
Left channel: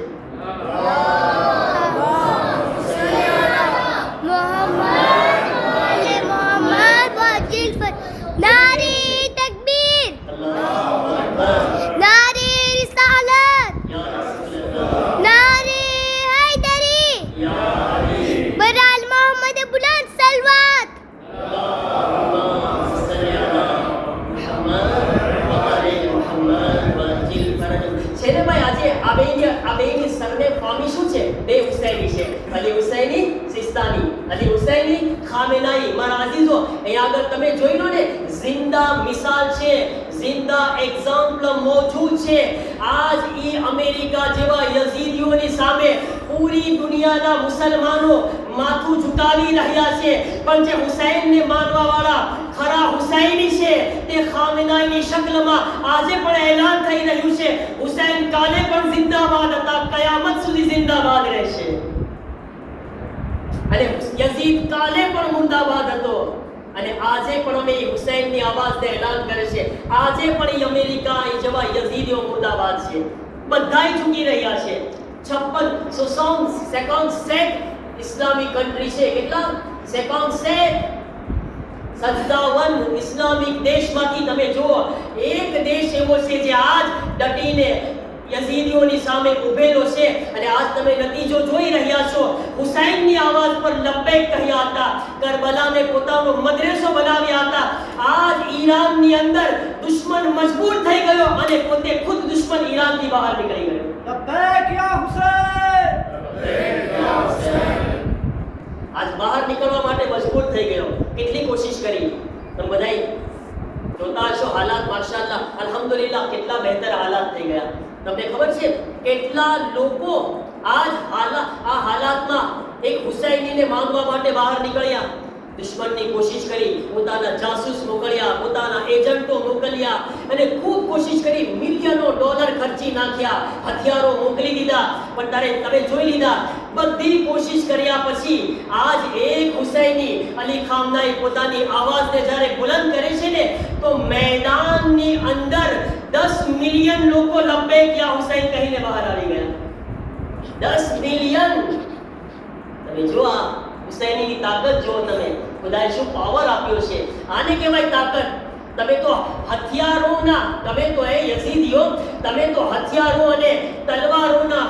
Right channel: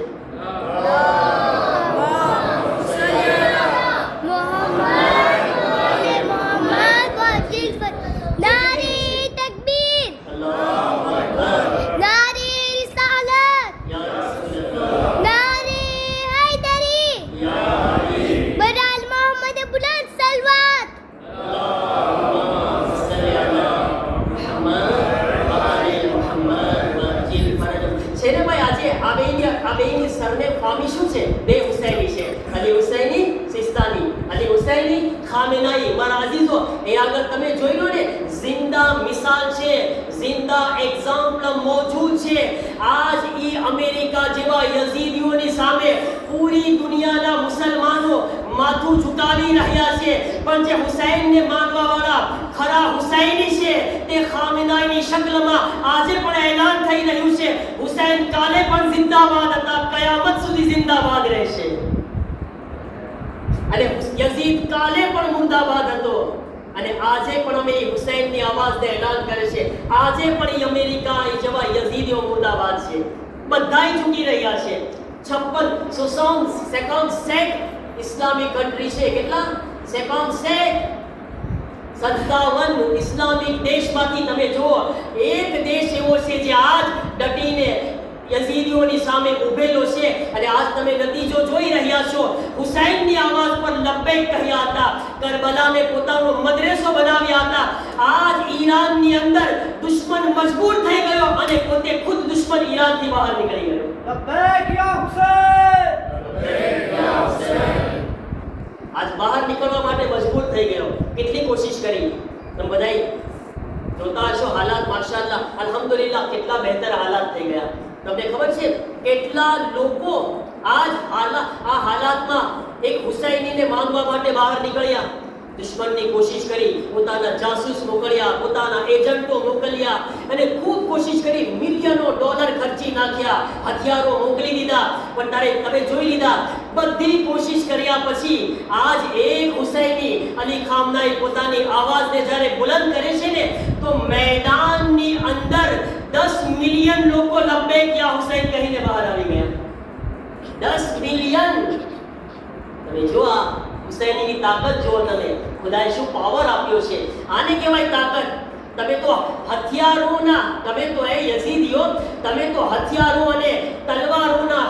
તમે જોઈ લો ને, જિંદા મિસાલ છે, જિંદા એક્ઝામ્પલ મોજૂદ છે. આજ ઈ અમેરિકા જેવા યઝીદીઓની સામે પૂરી દુનિયાના મુસલમાનો માથું ઝુકાવી રહ્યા છે. પણ જે હુસૈનને માનવા વાળા ખરા હુસૈની છે, તે ખામેનાઈની શક્લમાં આજે પણ એલાન થઈ રહ્યું છે, હુસૈન કાલે પણ જિંદાબાદ હતા, કયામત સુધી જિંદાબાદ રહેશે. અને યઝીદ કાલે પણ મુર્દાબાદ હતો. અને આજે પણ અમે હુસૈનની આવાજને એલાન કરે છે. આજે પણ અમેરિકા જેવા યઝીદીઓ મુર્દાબાદ છે. બધાય ઝૂકી રહ્યા છે. 56 ઇસ્લામિક કન્ટ્રી છે. કેટલા? 57 ઇસ્લામિક દેશમાંથી તમે જુઓ, એક દેશ એવો છે જે આજ ડટીને યઝીદીઓની સામે ઉભેલો છે. અને આજ તમે નતીજો જોઈ રહ્યા છો. હુસૈનની આવાજ પર લબ્બૈક કહ્યા હતા, કરબલાને પોતાનો મદરેસો બનાવ્યા હતા. આજ ઈરાનની અંદર દુશ્મન મજબૂર થઈ ગયો અને પોતે ખુદ દુશ્મન ઈરાનથી બહાર નીકળી ગયો. લબ્બૈક યા હુસૈન, લબ્બૈક યા હુસૈન. આજ બહાર નીકળવા માટે મજબૂર થઈ ગયો. કેટલી કોશિશ કરી, પણ બધાય જોતા હશો હાલાત માશાઅલ્લાહ અલ્હમ્દુલિલ્લાહ કેટલા બહેતર હાલાત થઈ ગયા. તમને ખબર છે કેટલા લોકો આજ આ હાલાતમાં એક હુસૈનીને માંગવા માટે બહાર નીકળ્યા, દુશ્મનની કોશિશ કરી, પોતાના જાસૂસ મોકલ્યા, પોતાના એજન્ટો મોકલ્યા અને ખૂબ કોશિશ કરી, મિલિયનો ડોલર ખર્ચી નાખ્યા, હથિયારો મોકલી દીધા. પણ તમે જોઈ લીધા, બધી કોશિશ કર્યા પછી આજ એક હુસૈની અલી ખામનાઈ પોતાની આવાજને જ્યારે બુલંદ કરે છે ને, તો મેદાનની અંદર 10 મિલિયન લોકો લબ્બૈક યા હુસૈન કહીને બહાર આવી ગયા. 10 મિલિયન. તમે જો આ હુસૈનીની તાકાત જુઓ, તમે ખુદાએ શું પાવર આપ્યો છે. આને કહેવાય તાકાત. તમે તો હથિયારોના, તમે તો એ યઝીદીઓ, તમે તો હથિયારો અને તલવારોના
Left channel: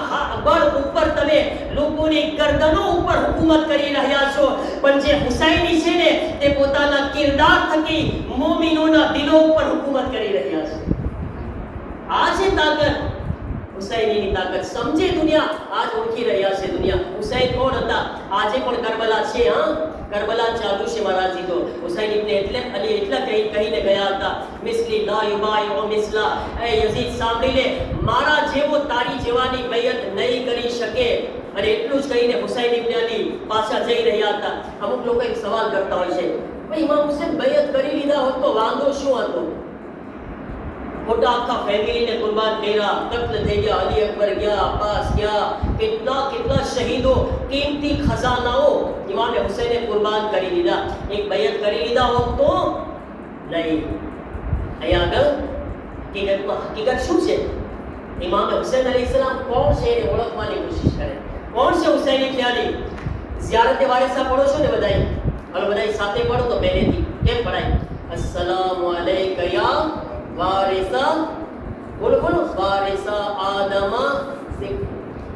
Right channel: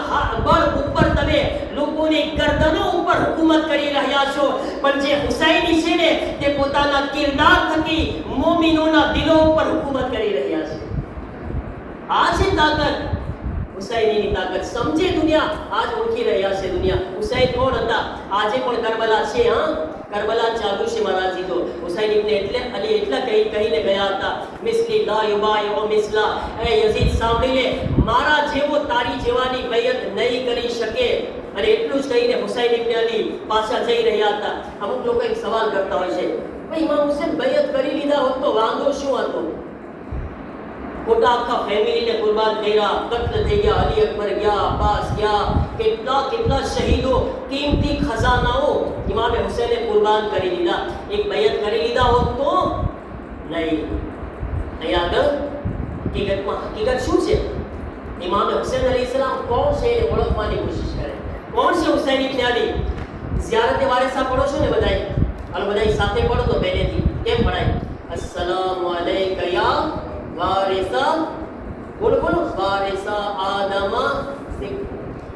બળ ઉપર તમે લોકોની ગરદનો ઉપર હુકુમત કરી રહ્યા છો. પણ જે હુસૈની છે ને, તે પોતાના કિરદાર થકી મોમિનોના દિલો ઉપર હુકુમત કરી રહ્યા છે. આ છે તાકાત, હુસૈનીની તાકાત. સમજે દુનિયા, આજ ઓળખી રહ્યા છે દુનિયા. હુસૈન કોણ હતા? આજે પણ કરબલા છે. કરબલા ચાલુ છે મહારાજી. તો હુસૈન ઇબ્ને અલી એટલા કહીને ગયા હતા, મિસલી લા યુબાઇઉ મિસલા. એ યઝીદ સાંભળી લે, મારા જેવો તારી જેવાની બૈયત નહીં કરી શકે. અને એટલું જ કહીને હુસૈન ઇબ્ને અલી પાછા જઈ રહ્યા હતા. અમુક લોકો એક સવાલ કરતા હોય છે, ભાઈ ઇમામ હુસૈન બૈયત કરી લીધા હોત તો વાંધો શું હતો? ખોટા આખા ફેમિલીને કુરબાન કર્યા, કત્લ થઈ ગયા, અલી અકબર ગયા, અબ્બાસ ગયા, કેટલા શહીદો, કિંમતી ખજાનાઓ ઇમામ હુસૈને કુરબાન કરી દીધા. એક બૈયત કરી લીધા હોત તો નહીં. અહીંયા આગળ હકીકત શું છે? ઇમામ હુસૈન અલૈહિસ્સલામ કોણ છે એ ઓળખવાની કોશિશ કરે. કોણ છે હુસૈન ઇબ્ન અલી? ઝિયારત વારિસા પડો છો ને બધાય? હાલો બધાય સાથે પડો તો પહેલેથી. કેમ પડાય? અસ્સલામુ અલૈકા યા વારિસા, બોલો બોલો, વારિસા આદમા.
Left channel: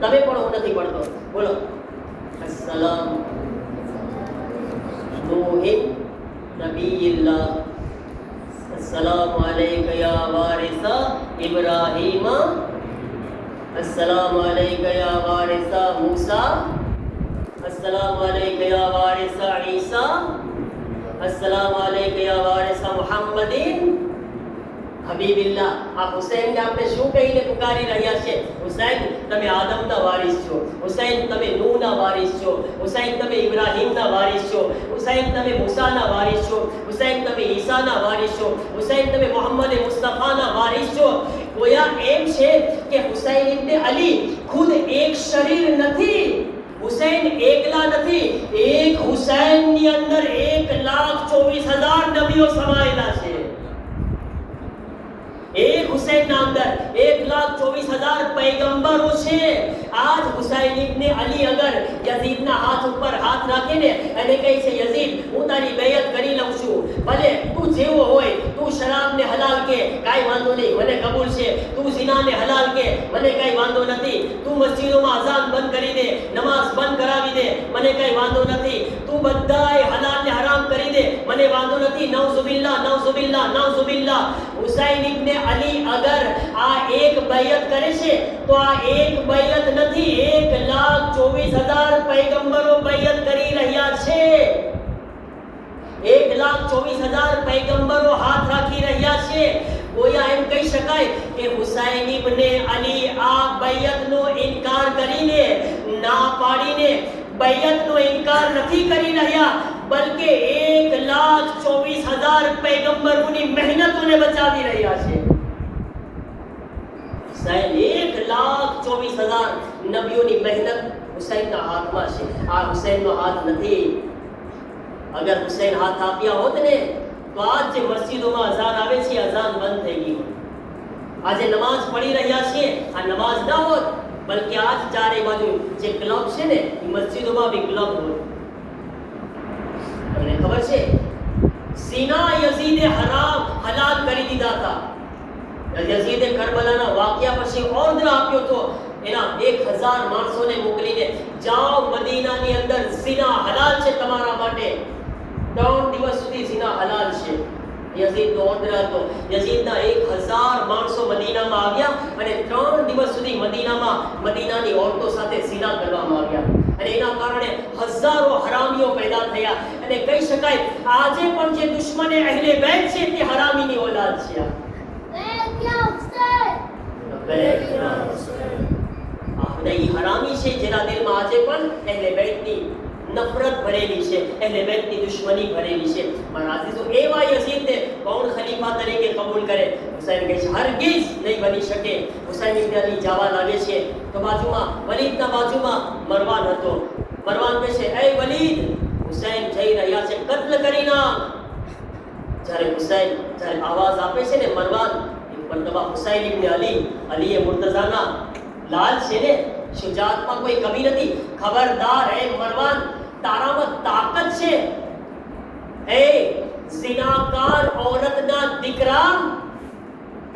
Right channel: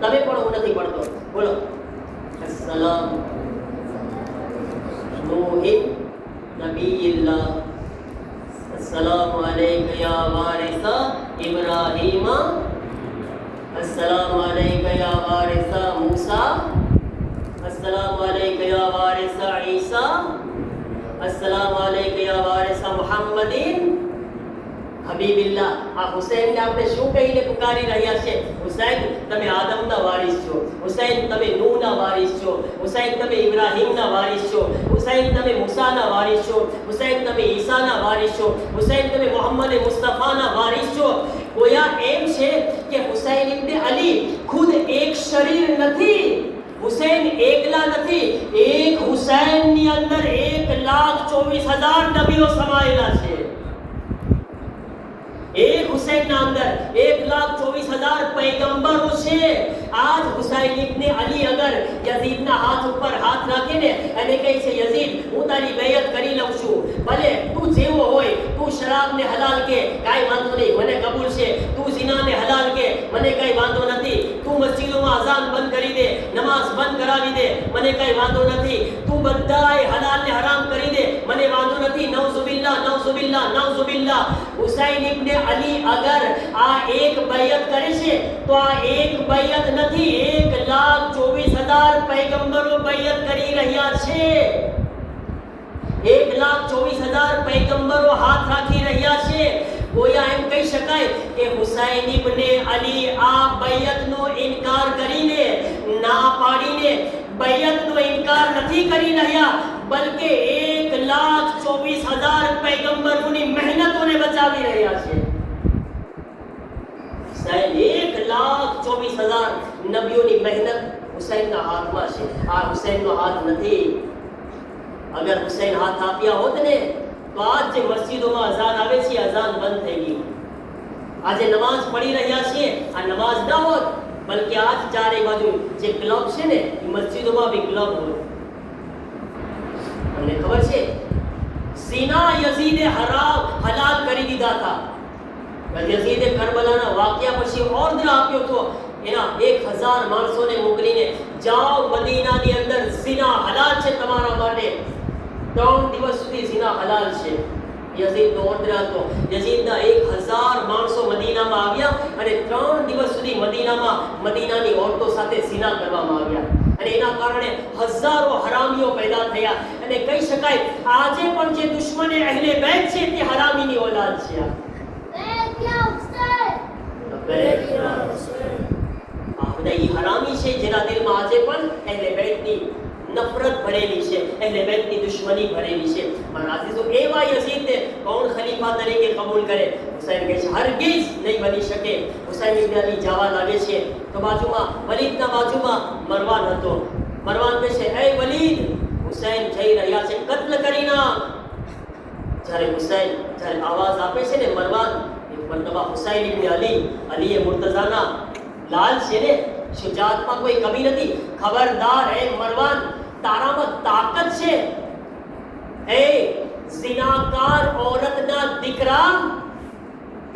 તમે પણ હું નથી પડતો, બોલો. અસ્સલામ નૂહી નબીયલ્લાહ, અસ્સલામુ અલૈકા યા વારિસા ઇબ્રાહીમ, અસ્સલામુ અલૈકા યા વારિસા મૂસા, અસ્સલામુ અલૈકા યા વારિસા ઈસા, અસ્સલામુ અલૈકા યા વારિસા મુહમ્મદિન હબીબિલ્લાહ. આ હુસૈનને આપણે શું કહીને પુકારી રહ્યા છે? હુસૈન તમે આદમના વારિસ છો, હુસૈન તમે નૂહના વારિસ છો, હુસૈન તમે ઇબ્રાહીમના વારિસ છો, હુસૈન તમે મૂસાના વારિસ છો, હુસૈન તમે ઈસાના વારિસ છો, હુસૈન તમે મોહમ્મદ મુસ્તફાના વારિસ છો. ગોયા એમ છે કે હુસૈન ઇબ્ન અલી ખુદ એક શરીર નથી, હુસૈન એકલા નથી. એક હુસૈનની અંદર 1,24,000 નબીઓ સમાયેલા છે. એક હુસૈનના અંદર 1,24,000 પૈગંબરો છે. આજ હુસૈન ઇબ્ન અલી અગર યઝીદના હાથ ઉપર હાથ રાખીને અને કહે છે, યઝીદ હું તારી બેયત કરી લઉં છું, ભલે તું જેવો હોય, તું શરાબને હલાલ કે કાંઈ વાંધો નહીં, મને કબૂલ છે, તું ઝિનાને હલાલ કે મને કાંઈ વાંધો નથી, તું મસ્જિદોમાં અઝાન બંધ કરી દે, નમાઝ બંધ કરાવી દે, મને કાંઈ વાંધો નથી, તું બધાય હલાલને હરામ કરી દે, મને વાંધો નથી. નઉઝુબિલ્લાહ નઉઝુબિલ્લાહ નઉઝુબિલ્લાહ. હુસૈન ઇબ્ન અલી અગર આ એક બૈયત કરે છે તો આ એક બૈયત નથી, 1,24,000 પૈગંબરો બૈયત કરી રહ્યા છે. 1,24,000 પૈગંબરો હાથ રાખી રહ્યા છે. ગોયા એમ કહી શકાય કે હુસૈન ઇબ્ન અલી આ બૈયતનો ઇનકાર કરીને, ના પાડીને બૈયતનો ઇનકાર નથી કરી રહ્યા, બલકે 1,24,000 પૈગંબરોની મહેનતોને બચાવી રહ્યા છે. હુસૈન 1,24,000 નબીઓની મહેનત હુસૈનના હાથમાં છે. આ હુસૈનનો હાથ નથી. અગર હુસૈન હાથ આપ્યા હોત ને તો આજ જે મસ્જિદોમાં અઝાન આવે છે, અઝાન બંધ થઈ ગઈ. આજે નમાઝ પડી રહ્યા છે, આ નમાઝ ના હોત, બલકે આજ ચારે બાજુ જે ક્લબ છે ને, મસ્જિદોમાં બી ક્લબ હોય. તમને ખબર છે ઝિના યઝીદે હલાલ કરી દીધા હતા. યઝીદે કરબલાના વાક્યા પછી ઓર્ડર આપ્યો તો એના 1,000 માણસોને મોકલીને, જાઓ મદીનાની અંદર ઝિના હલાલ છે તમારા માટે, 3 દિવસ સુધી ઝિના હલાલ છે. યઝીદનો ઓર્ડર હતો. યઝીદના 1,000 માણસો મદીનામાં આવ્યા અને 3 દિવસ સુધી મદીનાની ઓરતો સાથે ઝિના કરવામાં આવ્યા અને એના કારણે હજારો હરામીઓ પેદા થયા. અને કહી શકાય આજે પણ જે દુશ્મને અહેલે બેત છે તે હરામીની ઓલાદ છે. હરામી છે જેના દિલમાં આજે પણ અહેલે બેતની નફરત ભરેલી છે, અહેલે બેતની દુશ્મની ભરેલી છે. મારા અઝીઝો, એવા યઝીદને કોણ ખલીફા તરીકે કબૂલ કરે? હુસૈન કહે છે હરગિઝ નહીં બની શકે. હુસૈન ઇબ્ન અલી જવા લાગે છે તો બાજુમાં વલીદના બાજુમાં મરવાન હતો. મરવાન કહે છે, એ વલીદ, હુસૈન જઈ રહ્યા છે, કત્લ કરી નાખ. જ્યારે આવાજ આપે છે ને મરવાન, મતલબ હુસૈન ઇબ્ન અલી એ મુર્તઝાના લાલ છે ને, શુજાતમાં કોઈ કમી નથી. ખબરદાર હે મરવાન, તારામાં તાકાત છે. એ ઝિનાકાર औरतના દીકરા,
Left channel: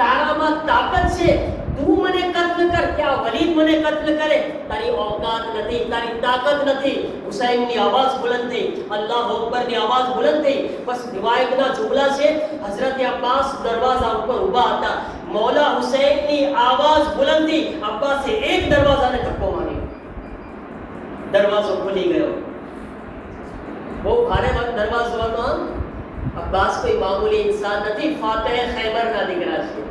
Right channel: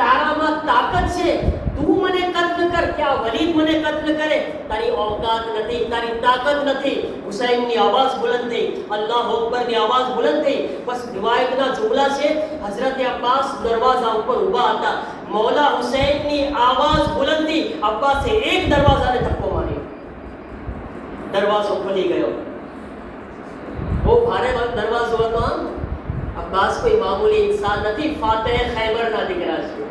તારામાં તાકાત છે. તું મને કત્લ કર, क्या વલીદ મને કત્લ કરે? તારી औकात નથી, તારી તાકાત નથી. હુસૈનની આવાજ બુલંદ થઈ, અલ્લાહ અકબરની આવાજ બુલંદ થઈ. બસ રિવાયતના જુમલા છે, હઝરત અબ્બાસ દરવાજા ઉપર ઊભા હતા. મૌલા હુસૈનની આવાજ બુલંદ થઈ, અબ્બાસે એક દરવાજાને ધક્કો માર્યો, દરવાજો ખુલી ગયો. वो भारे वक्त दरवाज़ो હતો. અબ્બાસ કોઈ મામૂલી ઇન્સાન નથી, ફાતહ ખૈબરના દીકરા છે.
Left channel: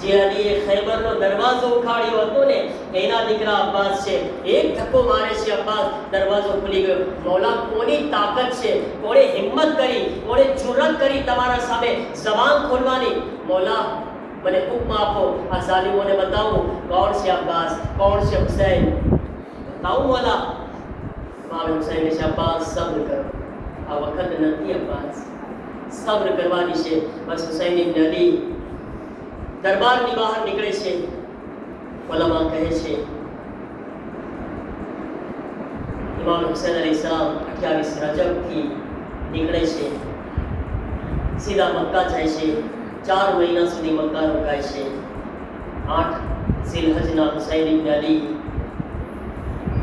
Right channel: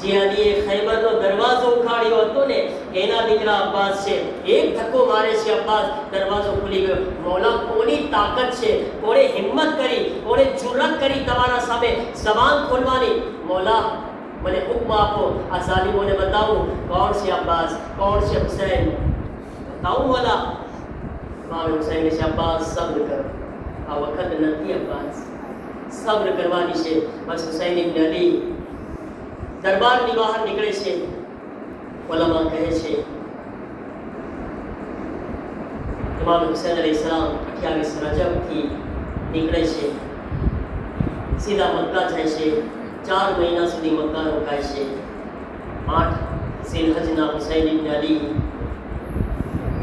જે અલીએ ખૈબરનો દરવાજો ઉખાડ્યો હતો ને, એના દીકરા અબ્બાસ છે. એક ધક્કો મારે છે અબ્બાસ, દરવાજો ખુલી ગયો. મૌલા કોની તાકાત છે, કોણે હિંમત કરી, કોણે જુરત કરી તમારા સામે જબાન ખોલવાની? મૌલા મને હુક્મ આપો આ ઝાલિમોને બતાવું કોણ છે અબ્બાસ, કોણ છે હુસૈન, બતાવું વાલા. ઇમામ હુસૈન ને અબ્બાસ સબ્ર કર, આ વખત નથી અબ્બાસ, સબ્ર કરવાની છે. બસ હુસૈન ઇબ્ન અલી દરબારની બહાર નીકળે છે. ઉલમા કહે છે ઇમામ હુસૈન અલૈહિસ્સલામ 28 રજબથી નીકળે છે, સીધા મક્કા જાય છે. 4 મહિના સુધી મક્કા રોકાય છે. 8 ઝિલહજના હુસૈન ઇબ્ન અલી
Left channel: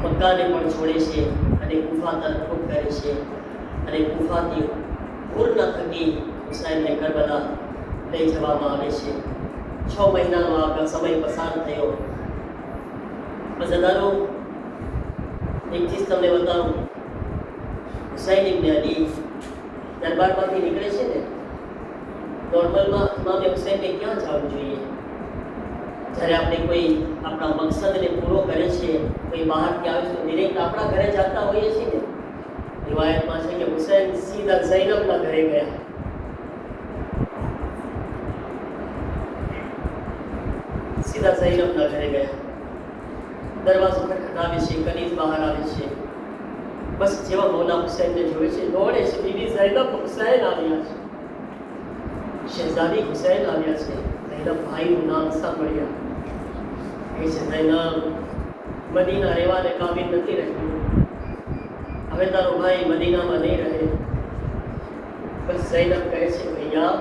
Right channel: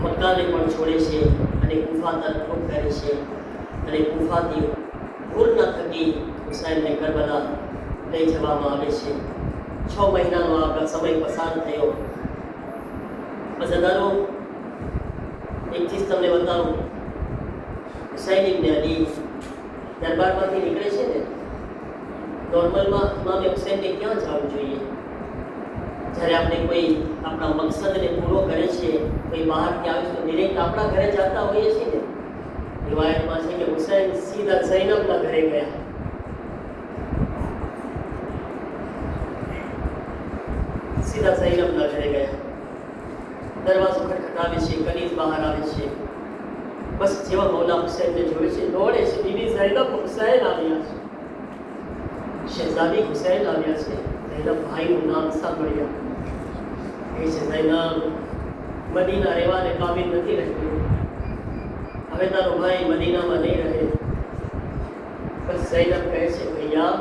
મક્કાને પણ છોડે છે અને કુફા તરફ રૂખ કરે છે. અને કુફાથી પૂર્ણ થકી હુસૈનને કરબલા લઈ જવામાં આવે છે. 6 મહિનાનો આગળ સમય પસાર થયો. અઝદારો એક ચીજ તમને બતાવું. હુસૈન ઇબ્ન અલી દરબારમાંથી નીકળે છે ને, નોર્મલમાં ઇમામ હુસૈનને ક્યાં જવું જોઈએ? જ્યારે આપણે કોઈ આપણા મકસદને પૂરો કરે છે, કોઈ બહારથી આવે છે તો ડિરેક્ટ આપણા ઘરે જતા હોઈએ છીએ ને. રિવાયતમાં છે કે હુસૈન સીધા ઝૈનબના ઘરે ગયા. સીધા ઝૈનબના ઘરે ગયા. દરવાજો ખટખટાવે છે, કનીઝ બહાર આવે છે. બસ જેવા મૌલા હુસૈનને જોવે છે, દોડે છે. બીબી ઝૈનબ હુસૈન આવ્યા છે, શહેઝાદી હુસૈન આવ્યા છે. ઝૈનબ ભાઈનું નામ સાંભળ્યા. કહે છે ઝૈનબ મદીના રહેવાને કાબિલ નથી રહેતું, હવે તારો ભાઈ મદીનામાં નહીં રહે. બસ ઝૈનબ કહે છે ભૈયા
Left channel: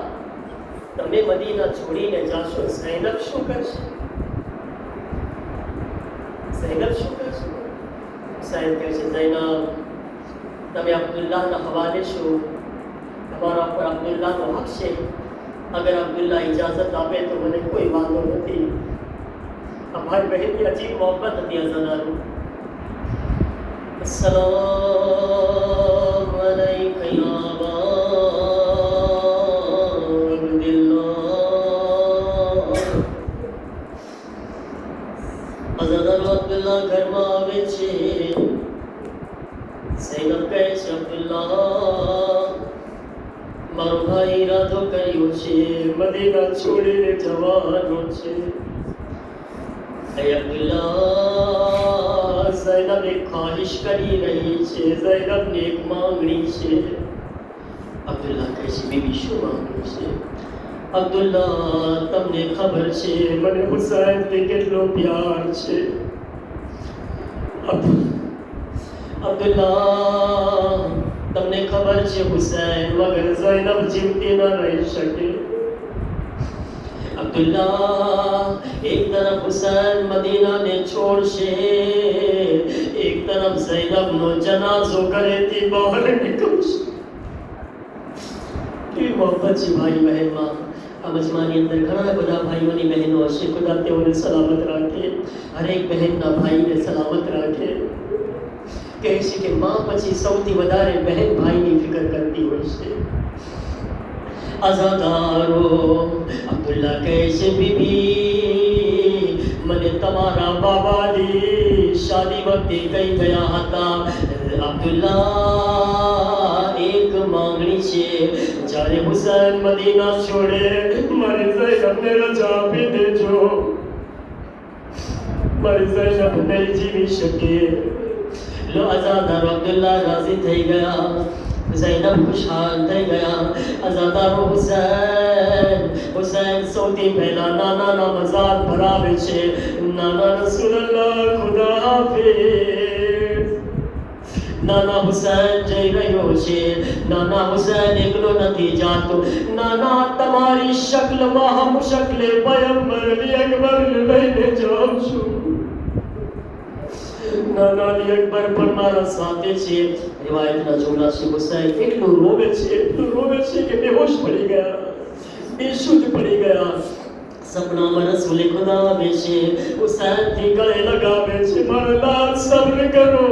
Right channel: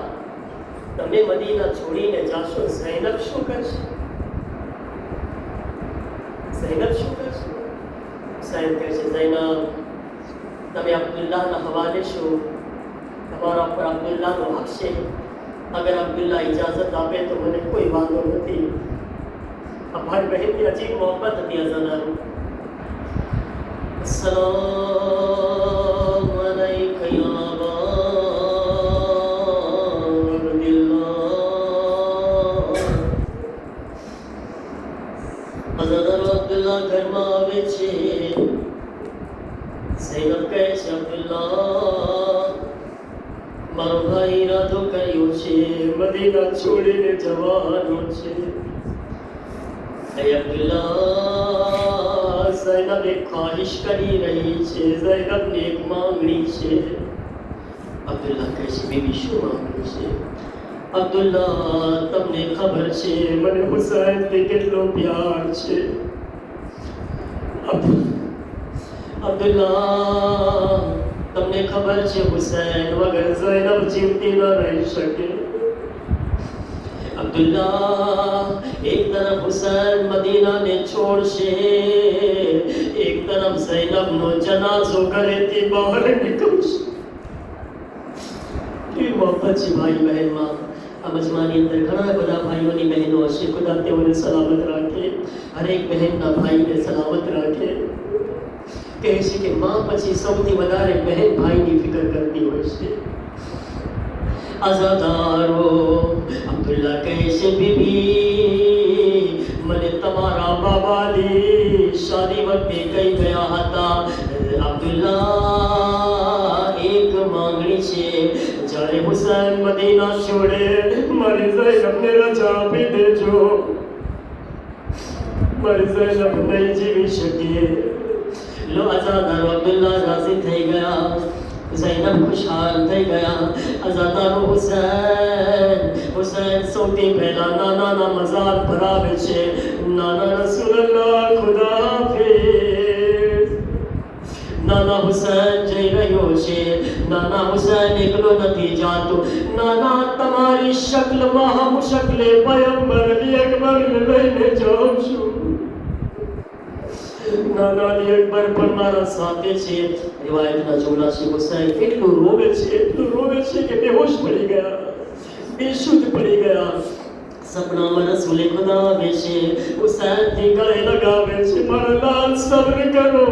તમે મદીના છોડીને જાશો, ઝૈનબ શું કરશે? ઝૈનબ શું કરશે? હુસૈન કહે છે ઝૈનબ તમે અબ્દુલ્લાહના હવાલે છો, તમારા પર અબ્દુલ્લાહનો હક છે. અગર અબ્દુલ્લાહ ઇજાઝત આપે તો મને કોઈ વાંધો નથી. આ ભાઈ બહેનની અજીબ મોહબ્બત હતી. અઝાદારો अस्सलाम अलैका या अबा अब्दुल्लाह. અઝાદારો અબ્દુલ્લાહ ઘરમાં આવે છે. ઝૈનબ કહે છે અબ્દુલ્લાહ મારો ભાઈ ઈરાદો કર્યો છે, મદીના છોડીને જવાનો છે. અબ્દુલ્લાહ ઝૈનબ એક ખ્વાહિશ કરી રહી છે, ઝૈનબની એક માંગણી છે. અબ્દુલ્લાહ કહે છે બીબી શું માંગણી છે? અબ્દુલ્લાહ તમને ખબર છે મને હુસૈનથી કેટલો પ્યાર છે. અબ્દુલ્લાહ તમને ખબર છે હુસૈન વગર ઝૈનબ જીવતી ન રહી શકે. અબ્દુલ્લાહ એક તરફ હુસૈન મદીનાને છોડશે, એક તરફ ઝૈનબનો જનાઝો ઘરેથી બહાર નીકળશે. કેવી મોહબ્બત છે ભાઈ બહેનમાં. આ મજમાની અંદર ઘણા બધા ભાઈઓની બહેનો હશે. ખુદા તેઓને સલામત રાખે, હરેક બહેનના ભાઈને સલામત રાખે. કહે છે કે માં પછી સૌથી વધારે બહેન ભાઈની ફિકર કરતી હોય છે. અઝાદારો અબ્દુલ્લાહ કહે છે બીબી મને તમારા બાબાની શાદી વખતે કહી ગયા હતા અબ્દુલ્લાહ એક માંગણી છે, જ્યારે હુસૈન મદીના છોડે મારી ઝૈનબને રજા આપી દેજો. મારી ઝૈનબ નહીં જીવી શકે. લો અઝાદારો અબ્દુલ્લાહ રાજી થઈ ગયા. ઝૈનબ ખુશહાલ થઈ ગયા. અઝાદારો હુસૈન સૌથી પહેલા નાનાના મઝાર પર આવે છે. નાના રસૂલલ્લાહ ખુદા હાફિઝ. નાના હુસૈન જઈ રહ્યો છે. નાના હુસૈન એકલો નથી જાતો. નાના તમારી શક્લમાં હમ શક્લે પયગંબર અલી અકબરને લઈને જાઉં છું. નાના અલી અકબર પણ મારા સાથે છે. રિવાયતના જોડા છે હુસૈન એટલું રોવે છે કે બેહોશ પડી ગયા, બેશુદ્ધ પડી ગયા. સપનામાં રસૂલે ખુદા આવે છે, હુસૈનથી ગળે લગાવે છે મારા લાલ સબ્ર કરો.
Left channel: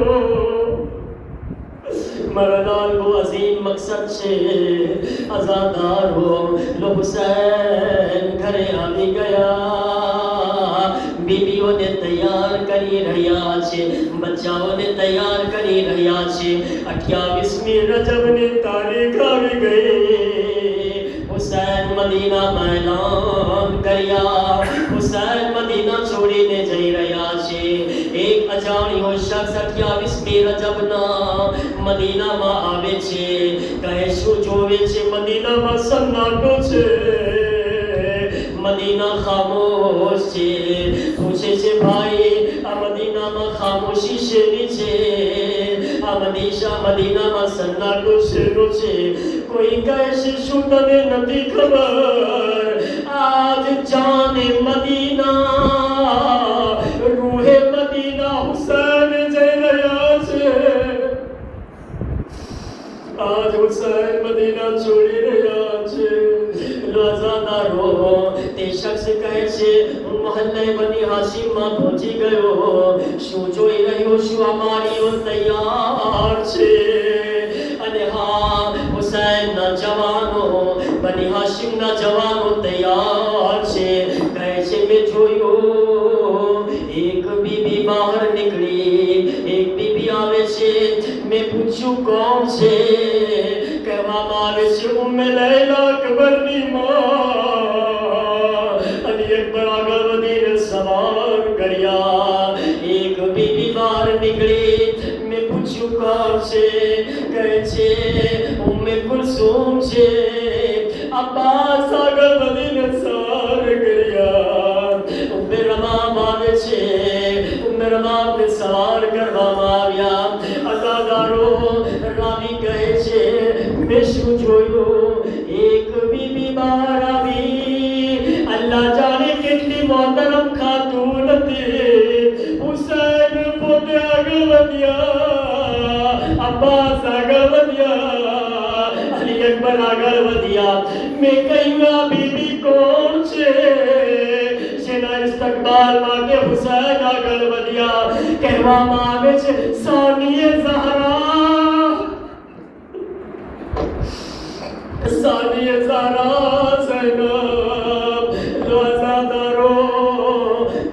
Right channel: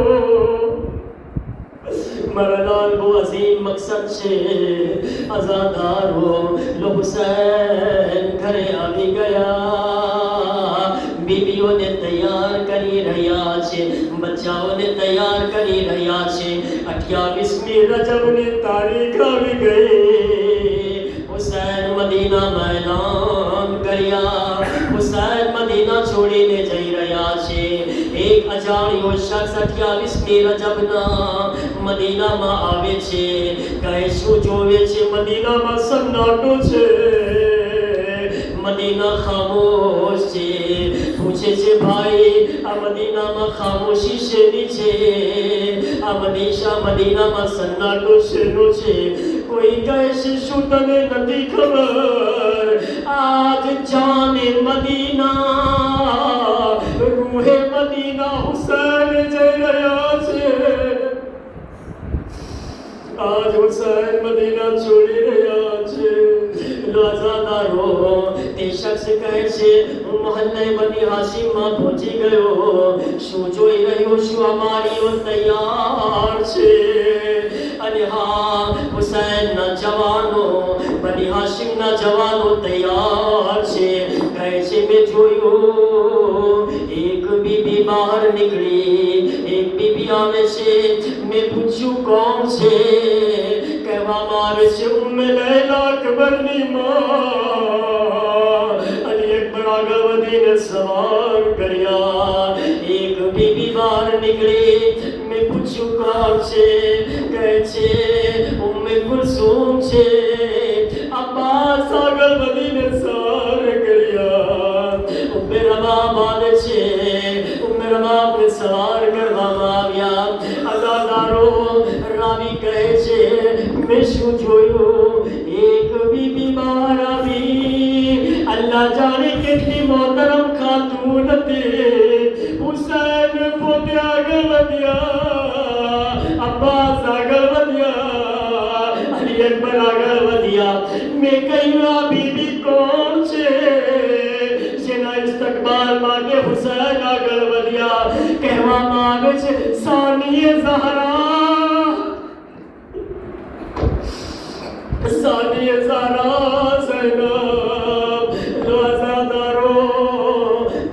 મારા લાલ બહુ અઝીમ મકસદ છે. અઝાદારો લો હુસૈન ઘરે આવી ગયા. બીબીઓને તૈયાર કરી રહ્યા છે, બચ્ચાઓને તૈયાર કરી રહ્યા છે. 28મી રજબની તારીખ આવી ગઈ. હુસૈન મદીના મેદાન કર્યા. હુસૈન મદીના છોડીને જઈ રહ્યા છે. એક અજાણ્યો શખ્સ 28મી રજબના મદીનામાં આવે છે. કહે શું જોવે છે? મદીનામાં સન્નાટો છે, મદીના ખામોશ છે. પૂછે છે ભાઈ આ મદીનામાં ખામોશી શેની છે? આ મદીનામાં સન્નાટો શેનો છે? કોઈ કહે છે શું તને નથી ખબર? આજ જાને મદીના રૂહે મદીના હુસૈન જઈ રહ્યા છે. આજ હુસૈન મદીના છોડી રહ્યા છે. રોઝાદારો તે શખ્સ કહે છે હું મહલ્લે બની હાશિમમાં પહોંચી ગયો. શું જોઈ રહ્યો છું? અમારી તૈયાર છે. અને હા, હુસૈનના જવાનો, બની હાશિમના જવાનો તૈયાર છે. કહે છે મેં જોયું એક બીબી બહાર નીકળી. એક બીબી આવે છે. મેં પૂછ્યું કોણ છે? કહેવામાં આવે છે ઉમ્મે લૈલા અકબરની માં. અને એકબર આગળ વધીને સવાલ કર્યા. એક બીબી બહાર નીકળી. મેં પૂછ્યું કોણ છે? કહે છે ઉમ્મે કુલસુમ છે. અબ્બાસ આગળ વધીને સવાલ કર્યા. ઉમ્મે રબાબ આવે છે. ઉમ્મે રબાબને સવાલ કરવામાં આવ્યા. અદાદારો રાવી કહે છે મેં શું જોયું? એક બીબી બહાર આવી. અલ્લાહ જાણે કેટલી મોહતરમ ખાતૂન હતી. હુસૈન પોતે આગળ વધ્યા, અબ્બાસ આગળ વધ્યા, અલી અકબર આગળ વધ્યા. મેં કહ્યું આ બીબી કોણ છે? જેના ઇસ્તકબાલ માટે હુસૈન આગળ વધ્યા. કહેવામાં આવે છે સાનિએ ઝહરા, સાનિએ ઝહરા ઝૈનબ. રોઝાદારો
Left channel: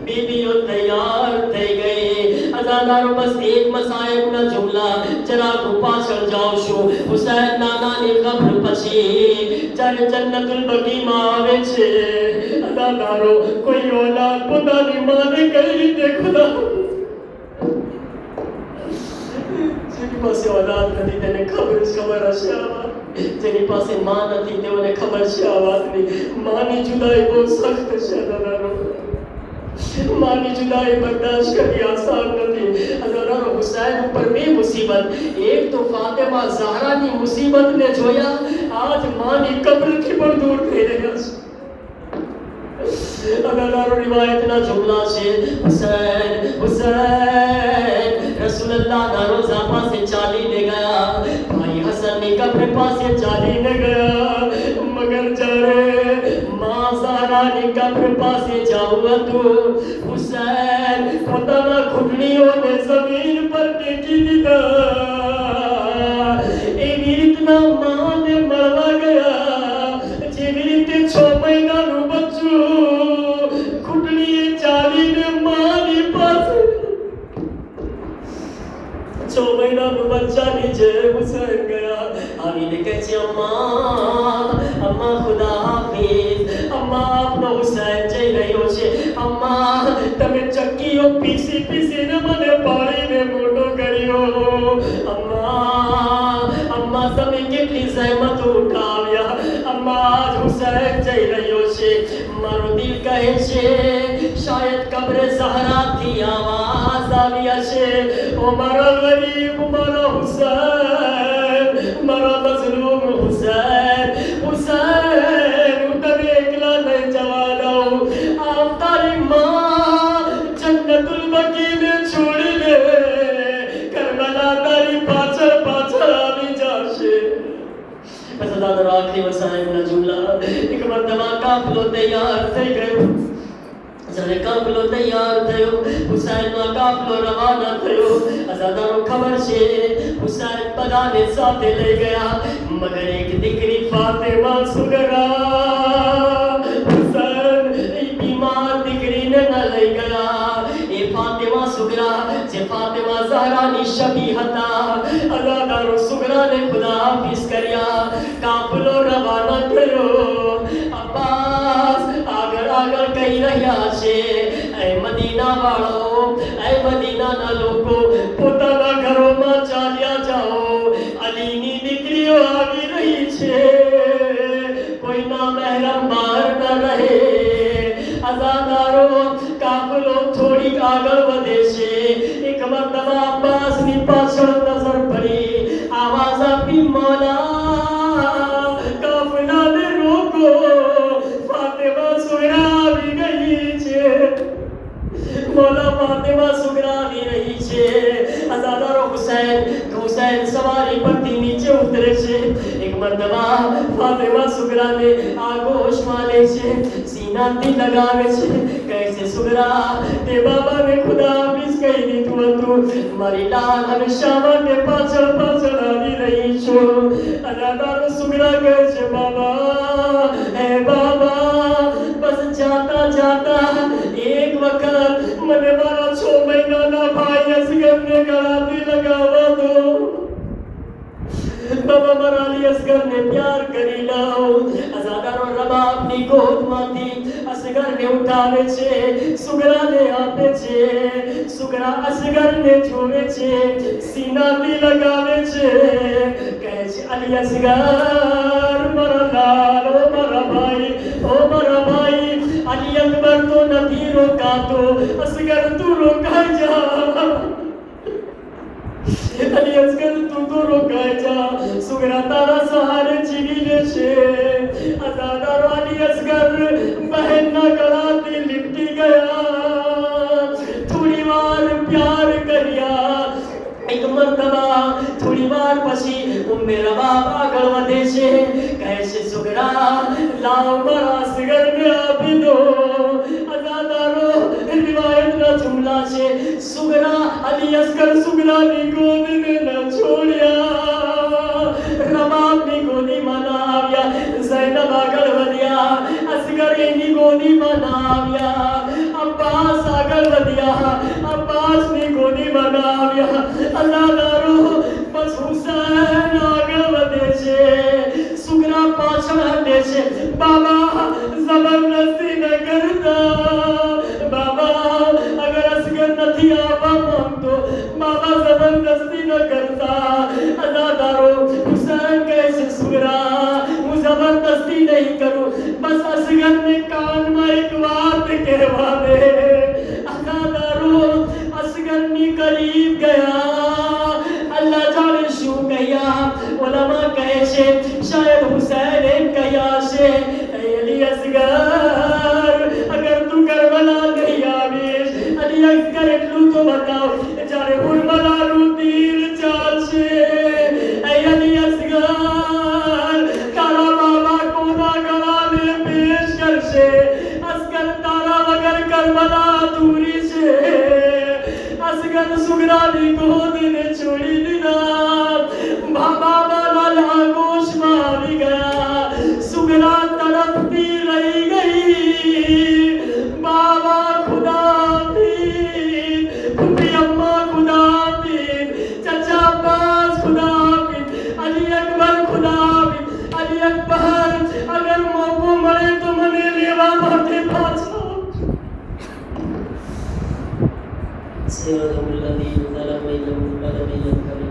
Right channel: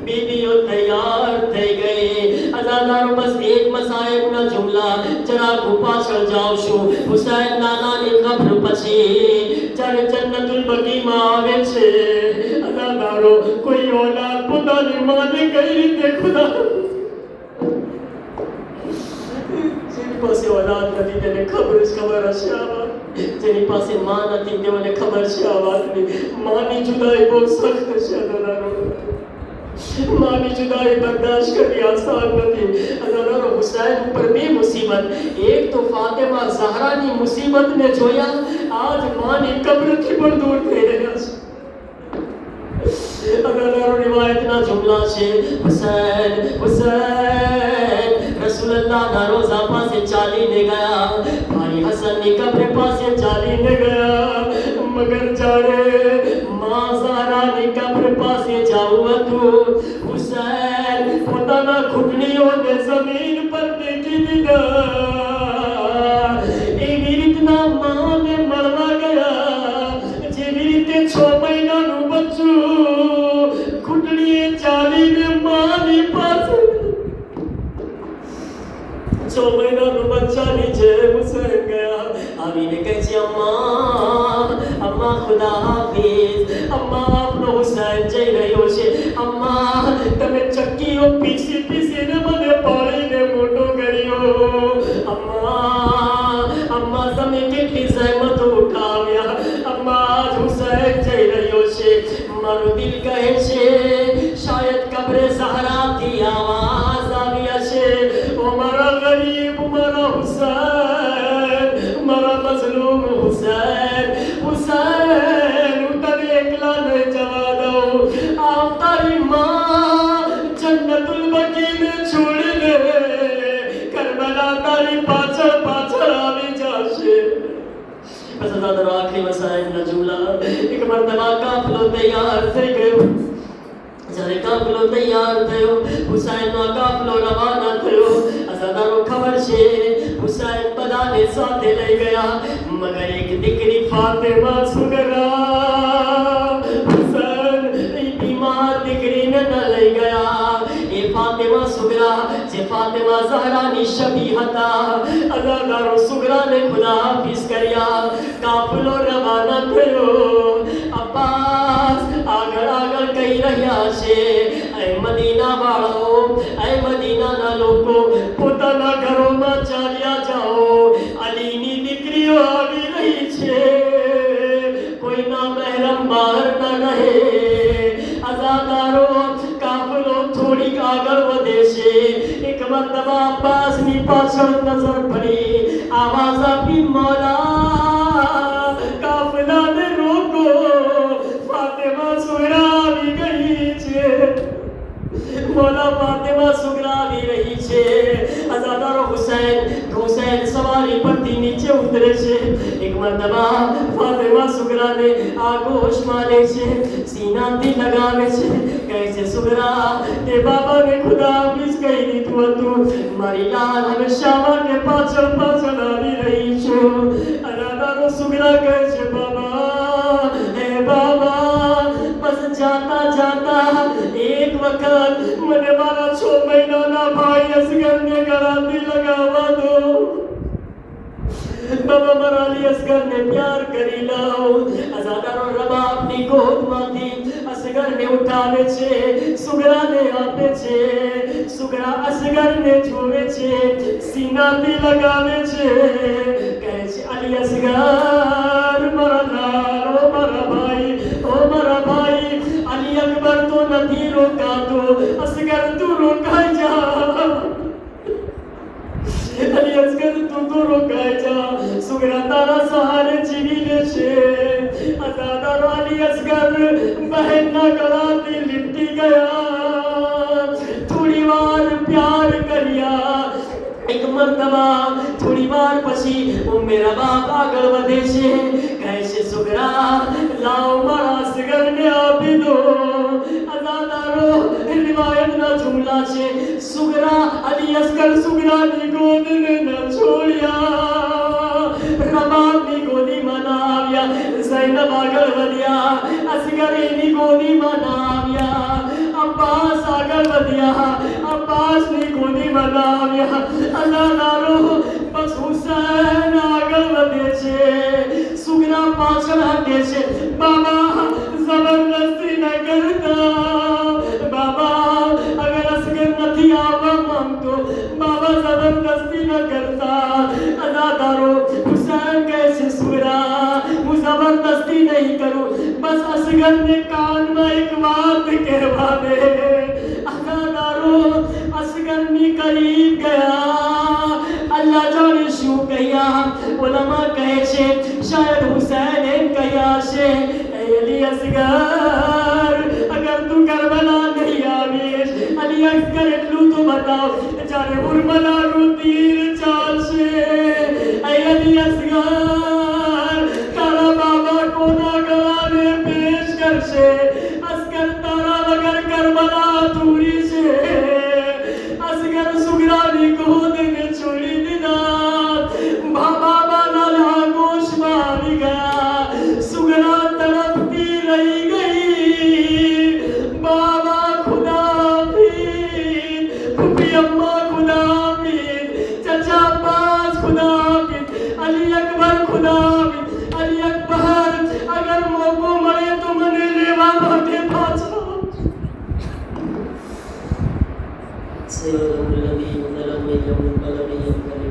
બીબીઓ તૈયાર થઈ ગઈ. અઝાદારો બસ એક મસાયબના જુમલા જરા પાછળ જાઉં છું. હુસૈન નાનાની કબ્ર પછી જ્યારે જન્નતુલ બકીમાં આવે છે. અઝાદારો કોઈ ઓલાદ પોતાની માને કઈ રીતે ખુદા જેની પાસે ઓલાદ નથી તેને ખબર હશે આ વાત. જેની પાસે માં નથી તેઓને ખબર છે આ વાતની. માની જુદાઈ બહુ સખ્ત છે. માની જુદાઈ બર્દાશ્ત કરવી આસાન નથી. અઝાદારો હુસૈન ઉપર બે મુસીબત. એક તો ફાતિમા ઝહરાની મુસીબતને જોયા. આજ માની કબ્રથી પણ દૂર થઈ રહ્યા છે. અઝાદારો રિવાયતના જુમલા છે હુસૈન હુસૈન રસૂલુલ્લાહના રોઝા પાસે ચાલીને ગયા. ભાઈ હસનની કબ્ર પાસે ચાલીને ગયા. મગર જ્યારે માં ઝહરાની કબ્ર પાસે જાવું હતું, હુસૈન પોતાના ઘૂંટણીઓને જમીન પર ટેકી દીધા. એવી રીતના માને મળવા ગયા જેવી રીતે 6 મહિનાનું બચ્ચું ઘૂંટણીએ ચાલીને માની પાસે 6 મહિનાનું બચ્ચાની જેમ હુસૈન ગયા. આવીને કહે છે અમ્મા, અમ્મા ખુદા હાફિઝ, અમ્મા આપનો હુસૈન જઈ રહ્યો છે. અમ્મા તમે ચક્કીઓ પીસી પીસીને મને પાળીને મોટો કર્યો. અમ્મા, અમ્મા તમે કેટલી જહેમત ઉઠાવ્યા. અમ્મા આજ હુસૈન જઈ રહ્યો છે. મારું દિલ કહે છે શાયદ કબ્રે ઝહરાથી આવાજ આવી હશે. ઓ મારા ગરીબ, મારા હુસૈન, મારા મઝલૂમ હુસૈન. હુસૈન હું તને એકલા નહીં જવા દઉં. આવ તારી માં જન્નતુલ બકીને છોડી દે. કરબલા તારી પાછળ પાછળ આવી જશે. બસ અઝાદારો આખરી વસાયના જુમલા. એક મરતબા કાફલો તૈયાર થઈ ગયો. જ્યારે કાફલો તૈયાર થયો, હુસૈનનો કાફલો રવાના થયો. અઝાદારો ખબર છે હુસૈન બધાને સાથે લઈ ગયા, મગર એક દીકરી ફાતિમા સુગરા હુસૈન એ બીમાર દીકરીને ન લઈ ગયા. એ ફાતિમા સુગરા જે ફાતિમા ઝહરાની શબી હતા. અઝાદારો સુગરાને ખુદા હાફિઝ કર્યા. કાફલો રવાના થયો. દાદા અબ્બાસની પાછળ નજર પડી, આવાજ આપી મોલા કાફલાને રોકો, ફાતિમા સુગરા આવી ગઈ છે. મોલા ફાતિમા સુગરા આવી રહી છે. અઝાદારો હુસૈન સવારી પરથી નીચે ઉતરે છે. એક મરતબા ફાતિમા સુગરાને આગોશમાં લે છે, સીનાથી લગાવે છે, કહે છે સુગરા તે બાબાને ખુદા હાફિઝ કહી દીધું હતું, મારી લાલ હંમેશા માટે પાછળ પાછળ આવી રહી છું. અઝાદારો સુગરા કહે છે બાબા હે બાબા બસ જાતા જાતા એક વખત મને મારા 6 મહિનાના ભાઈ અસગરને ગળાથી લગાવવા દો. બાબા મારા અલી અસગરને પ્યાર કરી લો. અઝાદારો રબાબની ગોદમાંથી અસગરને ઉઠાવે છે, સુગરાને આપે છે. સુગરા અસગરને જોવે છે, સીનાથી લગાવે છે, કહે છે અલી અસગર મારા લાલ, ઓ મારા ભાઈ, ઓ મારા ભાઈ. અલી અકબર તો નથી રોકાતો, અસગર તું રોકાઈ જા. અલી અસગર તું તો રોકાઈ જા, સુગરા તારા સહારે જીવી લેશે. અઝાદારો અલી અસગર બહેનના ગળાથી લીપટી ગયા. થોડી વાર પ્યાર કર્યા. એક મરતબા થોડી વાર પછી ઉમ્મે રબાબ આગળ વધે છે, કહે છે સુગરા લાવ મારા અસગરને આપી દો. અઝાદારો રિવાયતના જુમલા છે, સુગરા અલી અસગર સુગરાની ગોદને ન છોડ્યા. રબાબની ગોદીમાં ના આવ્યા. ઝૈનબ આગળ વધ્યા, અસગર એની ગોદીમાં ના આવ્યા. અબ્બાસ આગળ વધ્યા, અબ્બાસની ગોદીમાં ના આવ્યા. અઝાદારો બસ હુસૈન આગળ વધે છે, સુગરા પાછળ હટે છે. બાબા જબરદસ્તી ન કરતા. બાબા અગર અસગર નથી આવવા માંગતો, બાબા જબરદસ્તી ન કરતા. અઝાદારો હુસૈન કહે છે સુગરા હું જબરદસ્તી નહીં કરું, બસ અસગરને કાનમાં એક વાત કહેવા દે. અઝાદારો અસગરની કરીબ ગયા. અલ્લાહ જાણે શું કહ્યા. ઉલમા કહે છે શાયદ હુસૈન એમ કહ્યા છે, અલી અસગર અગર તું કરબલા નહીં આવીશ, અલી અસગર એટલું તો બતાવ જ્યારે ઉર્મલાનું તીર ચાલશે. અલી અસગર તારા બાબા કોના ગળાને પેશ કરશે. અસગર તારા વગર કરબલા અધૂરી છે. અસગર સુગરાની ગોદને છોડી દીધા. બાબાના આગોશમાં આવી ગયા. સુગરા તડપતી રહી ગઈ. બાબા ખુદા હાફિઝ, ફૂફી અમ્મા ખુદા હાફિઝ, ચાચા અબ્બાસ ખુદા હાફિઝ, અલી અકબર ખુદા હાફિઝ. અલી અકબર અગર મોકો મળે તો મને લેવા માટે પાછા. صراط الذين أنعمت عليهم غير المغضوب عليهم ولا الضالين.